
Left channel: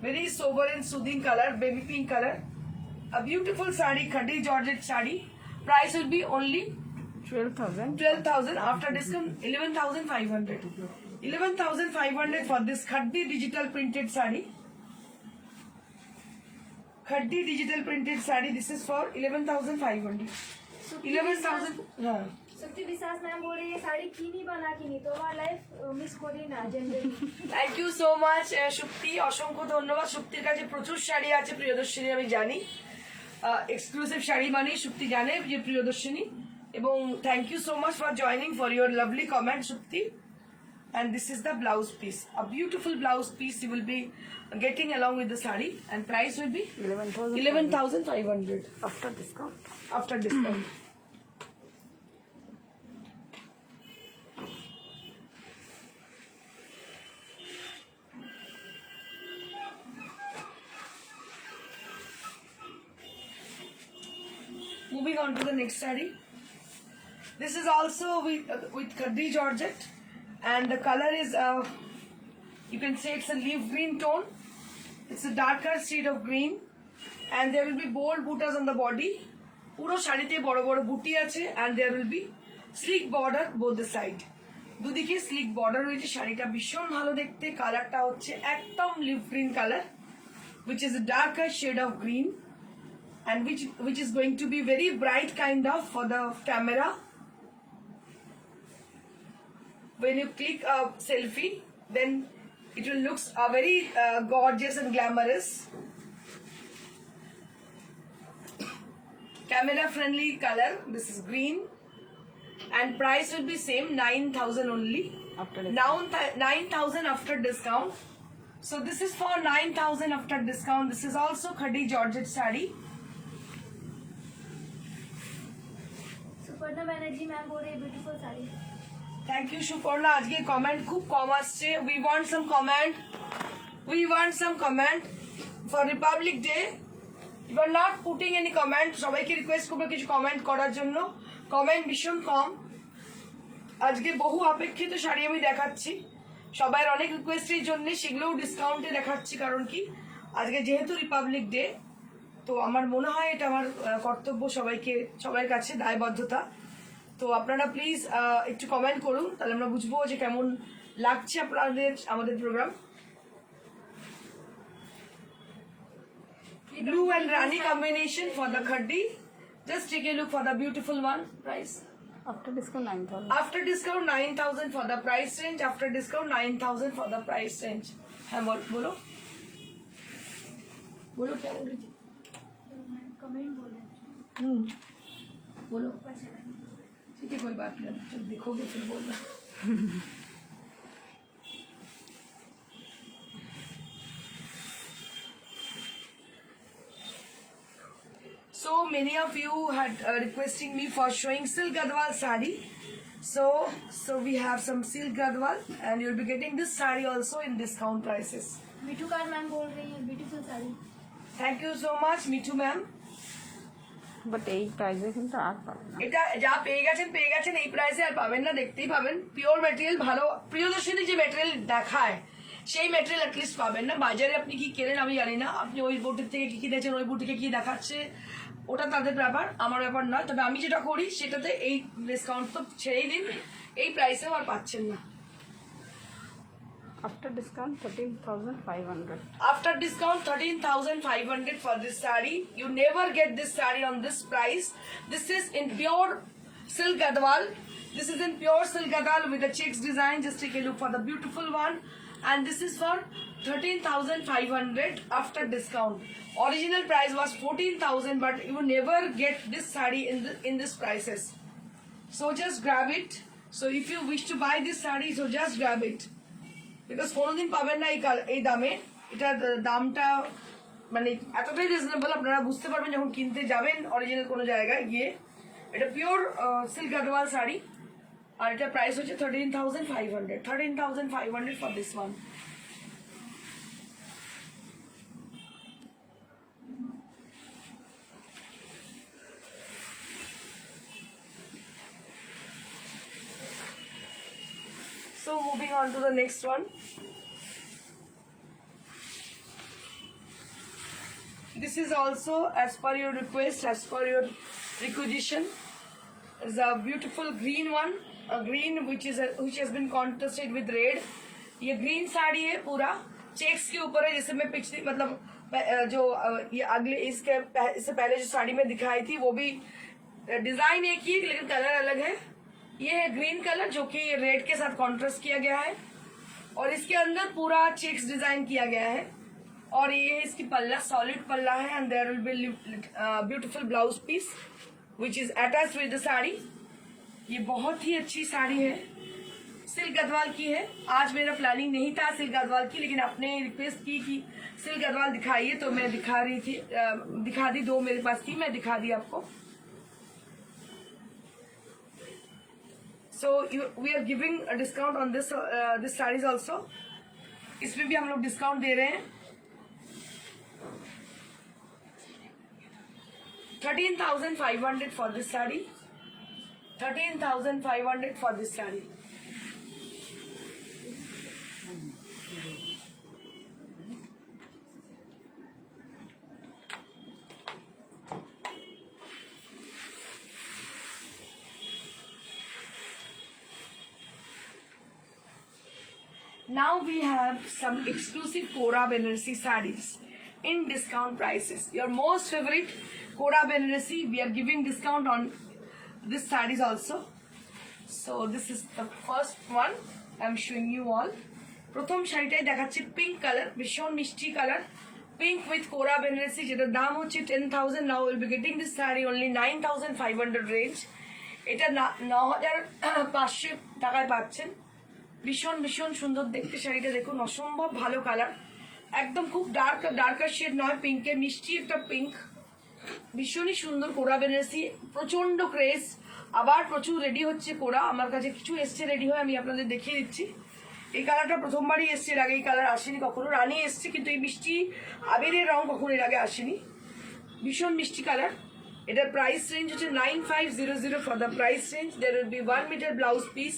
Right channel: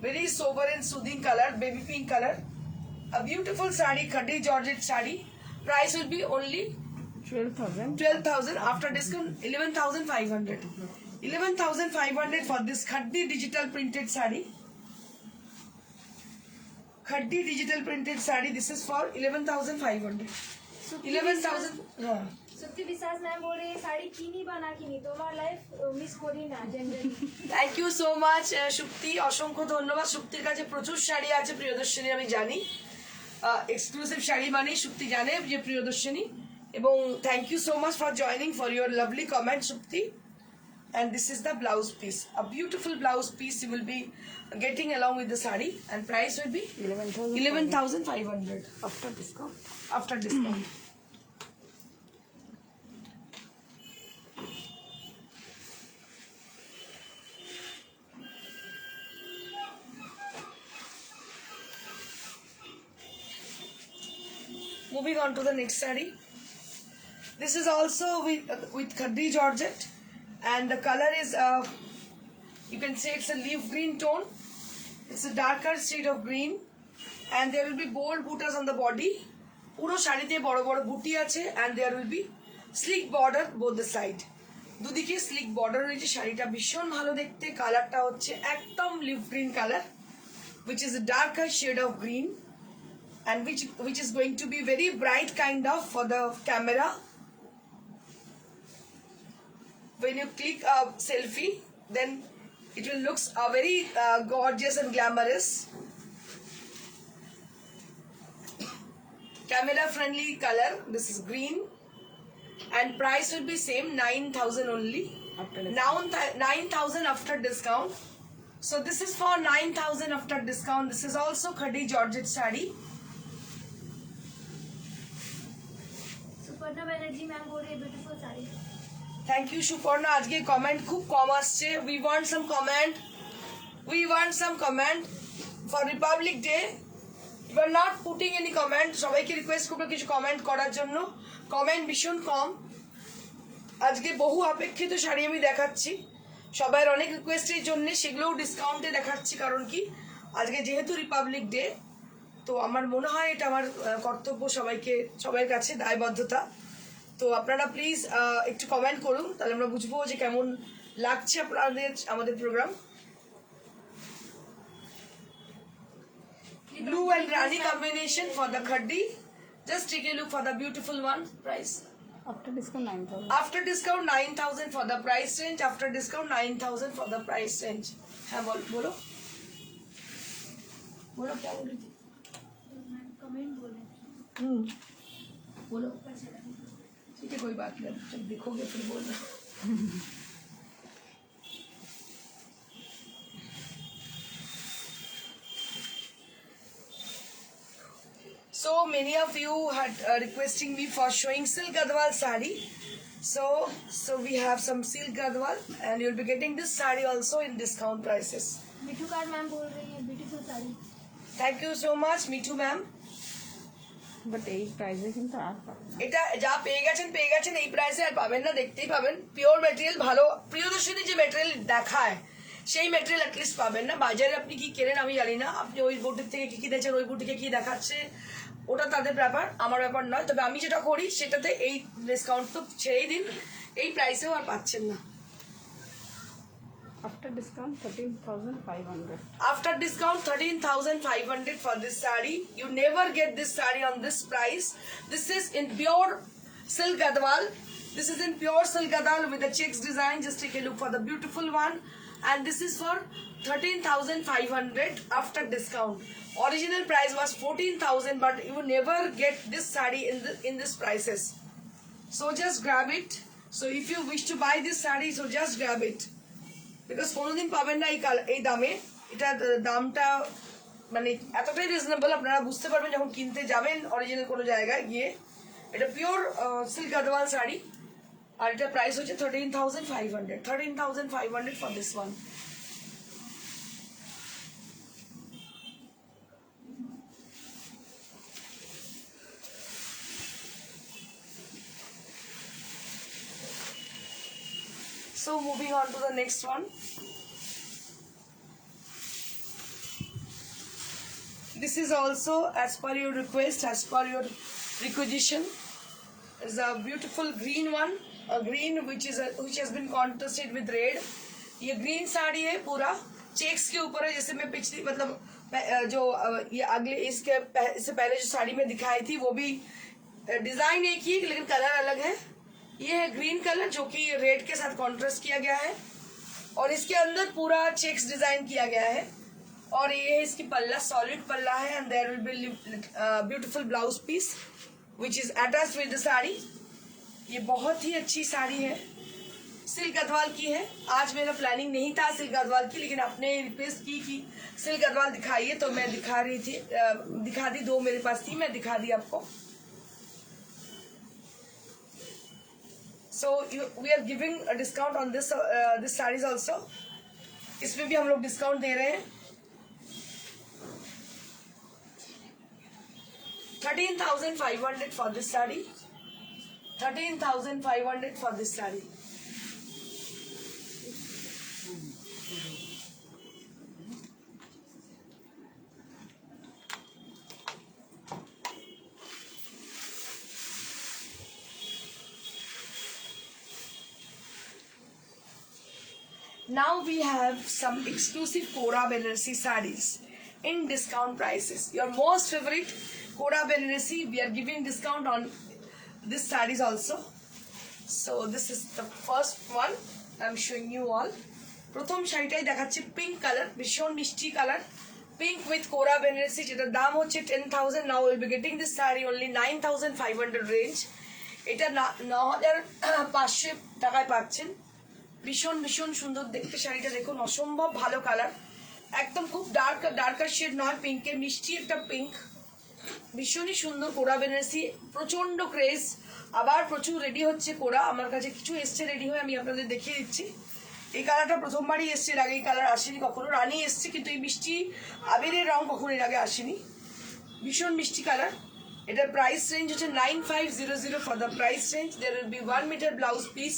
Very sober and soothing colour, baby pink colour, a beautiful sari, khadi Georgette sari. Price will be only 12,000. 12,000 after discount 11,500. 11,500 for this khadi digital printed sari. Khadi digital printed sari. This is for 11,500. 11,000. Yeah. सुक्ति विश्वास ma'am बोल रही है साड़ी किनी बना किनी তোমার life miss করি না generally thank you so much Shukti, অসংখ্য ধন্যবাদ। শুক্তির কাছে প্রচুর শাড়ি আছে প্রিয়দর্শিনী, আমি জানি। এক্সক্লুসিভ শাড়ি মানে শুক্তি জানে যে প্রিয়দর্শিনী। এবং thank you so much for joining for your lovely comment Shukti. And this is the blouse piece, a beautiful blouse piece you will be getting along with the sari, and price will be 11,500 After discount. after discount. Moving on to the next saree. This is also with khadi Georgette, and the color is you can say it's a leaf green tone. It's a darker shade of green, and there will be bold buttas on the body. পুরো শাড়িতে বড় বড় বুটি আছে, and there will be sleek border both the side. দুদিকে slick border রয়েছে। শাড়িটা ভীষণ ভালো দেখতে। কালারটা হচ্ছে একদম leaf green colour, which is a darker shade of green, and which is going to be very bright kind of for the camera. When you click a selfie, then it will looks very gorgeous and glamorous. Camera friendly color. This is green, and price will be same 9,000 only. After Now 9,000 after discount. So this is for 9,000 after discount. This is also khadi Georgette saree. Suparna Banerjee ma'am बोल रही है beautiful sari Thank you Suparna. আজকে comment খুব কম আসছে। We want some comment for Republic Day. You are not putting any comment. সবাইকে request করবো কিছু comment করার জন্য। কমেন্ট ভীষণ কম। আজকে বহু অপেক্ষিত শাড়ি আমি দেখাচ্ছি, সবার অনেক রিকোয়েস্টের জন্য সেগুলোও ডিসকাউন্টে দেখাচ্ছি। কারণ কি আজকে যেহেতু রিপাবলিক ডে, তো আমার মনে হয় এটা আমার কর্তব্য, সবার কাছে দায়বদ্ধতা। তো আপনারা প্লিজ একটু কমেন্ট করুন, তাহলে আমরা বুঝবো যে কেমন লাগছে আমাদের programme. Blue and Rani combination for the khadi. Just take a look for the beautiful one. Price After discount 9,000. after discount 9,000 for the price range. After discount 9,000 for the price range. है बोलो क्या बोल रही थी? Comment बोले बोलो। ठीक है, कोई बात नहीं, जब देखोगे फिर बोलना। So many of you had requesting me for showing silk gadwal sari. So we have some silk gadwal, and you'll be getting this sari also in discount prices. Mithu car ma'am बोल रही है beautiful sari Thank you so much, Mithu ma'am. But এই প্রাইসে কিন্তু আর পাবেন না। এটা যা পেয়ে গেছেন এই প্রাইসে আর পাবেন না, দেখতেই পাবেন। পিওর মেটেরিয়াল, ভালো প্রিয়দর্শিনী যে মেটেরিয়াল দেখায় সেই মেটেরিয়াল অ্যাটলিস্ট পাবেন না। বাজারে আপনি কি কেনেন আমি জানি না, আপনি ওই বুটিক থেকে কি দেখছেন, ওই বুটিকে কি দেখাচ্ছে, ওটা তাদের ব্যাপার, আমার ব্যাপার নয়। তবে আমি যেটা করি সেটাতে এই ডিসকাউন্ট তো ছেড়েই দিন, এই প্রাইসেও আর পাচ্ছেন না। After discount 13,500. After discount 13,500 for this saree. You never get this saree on this price. This is in pure silk gadwal. This is in pure silk gadwal with the checks design. Just take a look for the beautiful one. And this is for 13,500 after discount. Original price was 14,000, but you never get this saree in this prices. So just grab it. So if you wish to buy this saree, so just grab it. Because কোনোদিন পাবেন না এই দামে। এটা দামটা মানে এতটাই reasonable, আপনারা বুঝতে পারবেন যখন কিনতে যাবেন অরিজিনাল কোনো জায়গায় গিয়ে। এটা পিওর সিল্ক গাদওয়াল শাড়ি, আর এটা প্রাইস হচ্ছে 13,500 13,500 for this one. So moving on to the next one. This this is also as per your request, as per your requisition. Is a beautiful green one, a green which has been contrasted with red. ये green sari है पूरा checks के ऊपर है, जैसे मैं पिछली मतलब जो ये अगले इससे पहले जो साड़ी में दिखाई थी वो भी डिजाइन एक ही लेकिन कलर अलग है. ये है ग्रीन कलर जो कि रेड के साथ कॉन्ट्रास्ट किया गया है और इसके अंदर पूरा चेक्स डिजाइन किया गया है और ये इसकी पल्ला सॉलिड पल्ला है and there will be beautiful blouse piece which is attached with the sari. ये बहुत ही अच्छी साड़ी है, सिल्क गढ़वाल की है. आज मेरा प्लानिंग नहीं था सिल्क गढ़वाल की, लेकिन आपने रिक्वेस्ट की कि सिल्क गढ़वाल दिखाइए तो मैं दिखा रही थी, दिखा दी. 2 मेरे पास थी, मैं दिखा दी आपको. So we are giving a discount on this sarees also. इसमें भी हम लोग डिस्काउंट दे रहे हैं. 13,500 for this saree. 13,500 for this saree. Now we have some exclusive Kora Benaressi sarees in discount prices. Your most favorite Kora Benaressi, we are giving discount on this sarees also. So this is the first one I am showing you all. প্রথম শাড়িটাই দেখাচ্ছি pink colour, ভীষণ মিষ্টি colour, pink with কোরা বেনারসি, যেটার দাম হচ্ছে 10,000. Now will be getting this sari only 9,500 range. এটা 9,500 টাকায় পাচ্ছেন. ভীষণ ভীষণ সুন্দর দেখতে শাড়িটা, দেখুন অসম্ভব ভালো কালার, একদম খুব ডার্কার শেড নয়, পিঙ্কের মিষ্টি একটা পিঙ্ক, ভীষণই সুন্দর. কোরা বেনারসি প্রচন্ড ক্রেজ, আবার প্রচুর রেডি হচ্ছে কোরা. আমার কাছে কিছু এসছে রেডি হয়ে, আমি আপনাদের দেখিয়ে দিচ্ছি. এই কালারটা প্রথমবারই এসছে, এর আগে এই কালার আসেনি কখনো. রানী এসছে কিন্তু এই মিষ্টি আবিরের রং কখনো এর আগে আসেনি. ভীষণ মিষ্টি কালার. এটার প্রাইস রেঞ্জ হচ্ছে 9,500. For the price range there will be 1 metre blouse piece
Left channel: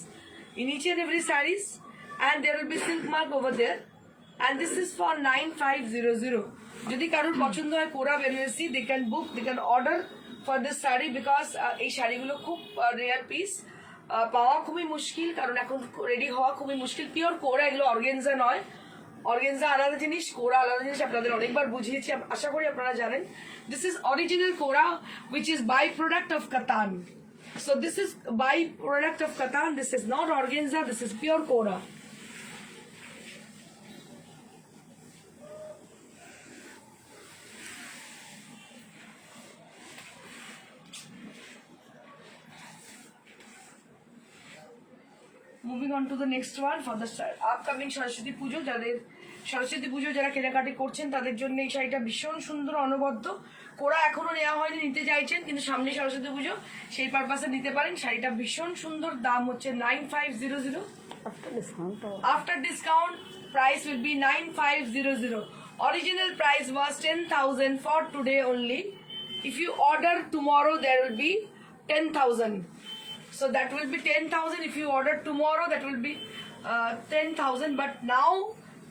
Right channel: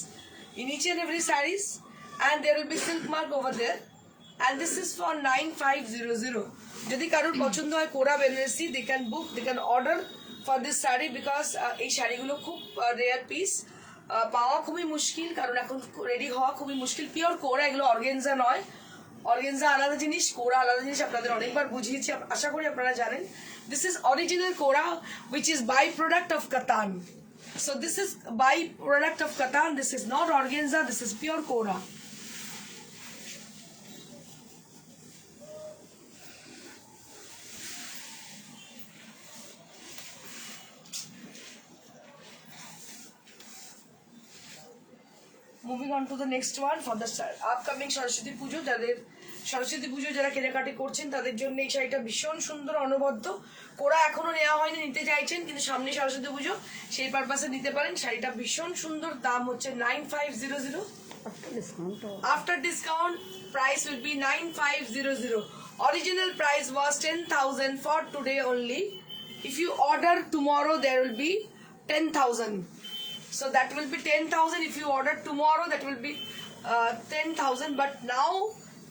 in each and every sarees and there will be silk mark over there and this is for 9,500. যদি কারোর পছন্দ হয় কোরা Banarasi, they can book, they can order for this saree because এই শাড়িগুলো খুব rare piece, পাওয়া খুবই মুশকিল, কারণ এখন রেডি হওয়া খুবই মুশকিল. পিওর কোরা, এগুলো অর্গেনজা নয়. অর্গেনজা আলাদা জিনিস, কোরা আলাদা জিনিস, আপনাদের অনেকবার বুঝিয়েছি, আশা করি আপনারা জানেন. দিস ইজ অরিজিনাল কোরা which is by product of Katan. So this is by product of Katan. This is not organza. This is pure Kora. Moving on to the next one for the upcoming Saraswati পুজো. সরস্বতী পুজো যারা কেনাকাটি করছেন তাদের জন্য এই শাড়িটা ভীষণ সুন্দর, অনবদ্য. কোরা এখনো নেওয়া হয়নি, নিতে চাইছেন কিন্তু সামনে সরস্বতী পুজো, সেই পারপাসে নিতে পারেন. শাড়িটা ভীষণ সুন্দর, দাম হচ্ছে 9,500. After discount price will be 9,500. Original price was 10,000 for today only. If you order tomorrow there will be 10,000. So that will be 10,000. If you order tomorrow that will be 10,000. But now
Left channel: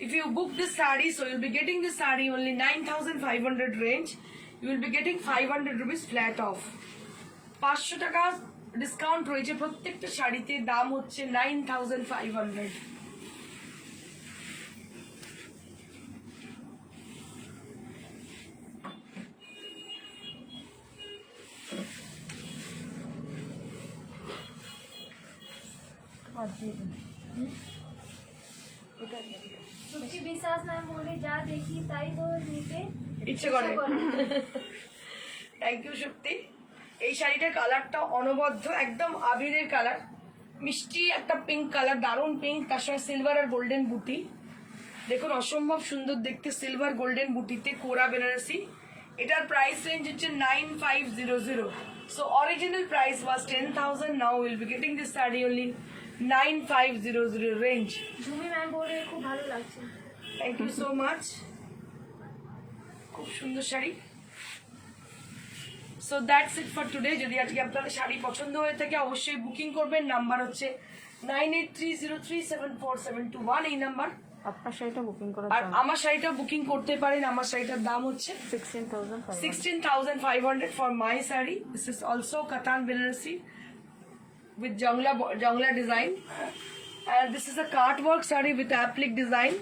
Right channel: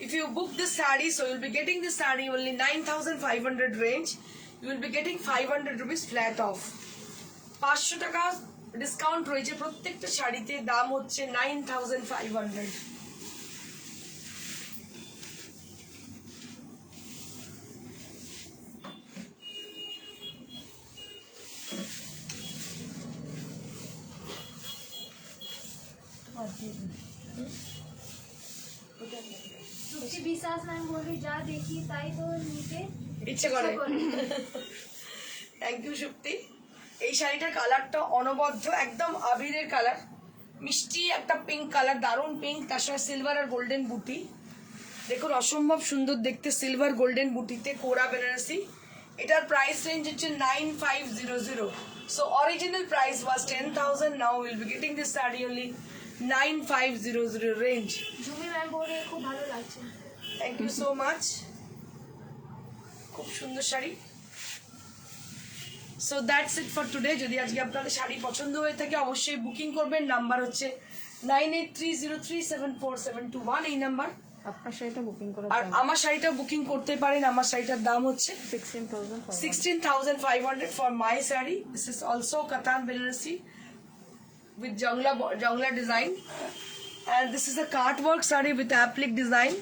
if you book this saree, so you'll be getting this saree only 9,500 range. You will be getting 500 rupees flat off. 500 টাকা discount রয়েছে প্রত্যেকটা শাড়িতে, দাম হচ্ছে 9,500. সুপ্তি বিশ্বাস নাম বলে যা দেখি তাই তো নিতে ইচ্ছে করে. Thank you Supti. এই শাড়িটার কালারটা অনবদ্য, একদম আবিরের কালার, মিষ্টি একটা পিঙ্ক কালার, দারুণ পিঙ্ক, তার সঙ্গে সিলভার আর গোল্ডেন বুটি. দেখুন অসম্ভব সুন্দর দেখতে, সিলভার গোল্ডেন বুটিতে কোরা বেনারসি. এটার প্রাইস রেঞ্জ হচ্ছে 9,500. So original price was 10,000. Now will be getting this sari only 9,500 range. Jhumi ma'am বলে খুব ভালো লাগছে. Thank you so much. খুব সুন্দর sari. So that's it for today. যদি আজকে আপনাদের শাড়ি পছন্দ হয়ে থাকে অবশ্যই বুকিং করবেন. নাম্বার হচ্ছে 9830374721, এই নাম্বার. আপনার শাড়িটা বুকিং করার আর দাম আমার শাড়িটা বুকিং করতে পারেন। আমার শাড়িটার দাম হচ্ছে 16,500 16,500 for my saree. This is also Katan Banarasi with Jongla design, and this is a cart work saree with applique design.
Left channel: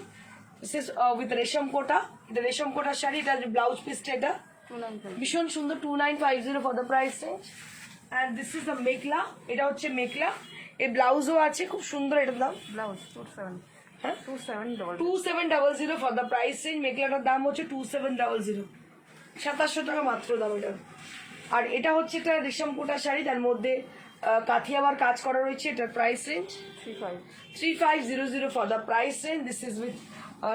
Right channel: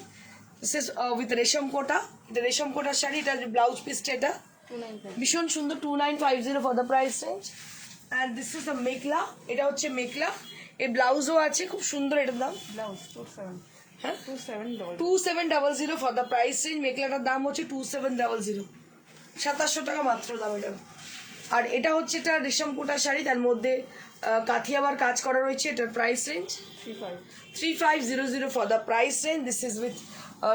This is with resham kota. The resham kota saree, it has a blouse piece এটা 295 ভীষণ সুন্দর 2950 for the price range. And this is a mekhela, এটা হচ্ছে মেখলা, এই ব্লাউজও আছে, খুব সুন্দর এটার দাম। ব্লাউজ 27 হ্যাঁ 2700 2700 for the price range. মেখলাটার দাম হচ্ছে 2700, 2700 টাকা মাত্র দাম এটা। আর এটা হচ্ছে এটা রেশম কোটা শাড়ি, তার মধ্যে কাথিয়াবার কাজ করা রয়েছে। এটার price range 3500 for the price range. This is with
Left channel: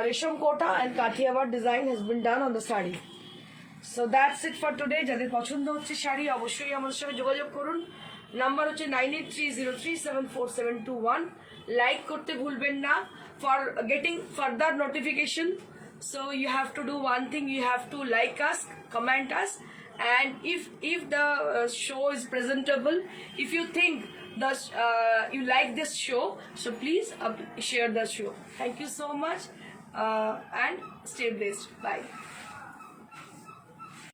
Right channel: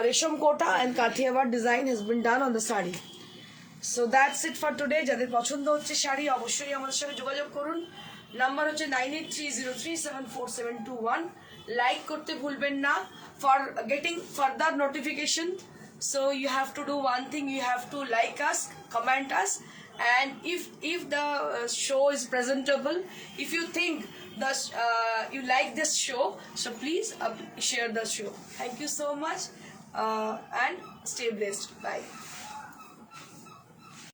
resham kota and kathiawar design has been done on the sari. So that's it for today. যাদের পছন্দ হচ্ছে শাড়ি অবশ্যই আমার সাথে যোগাযোগ করুন। নাম্বার হচ্ছে 9830374721। লাইক করতে ভুলবেন না for getting further notification. So you have to do one thing, you have to like us, comment us, and if the show is presentable, if you think you like this show, so please share the show. Thank you so much, and stay blessed. Bye.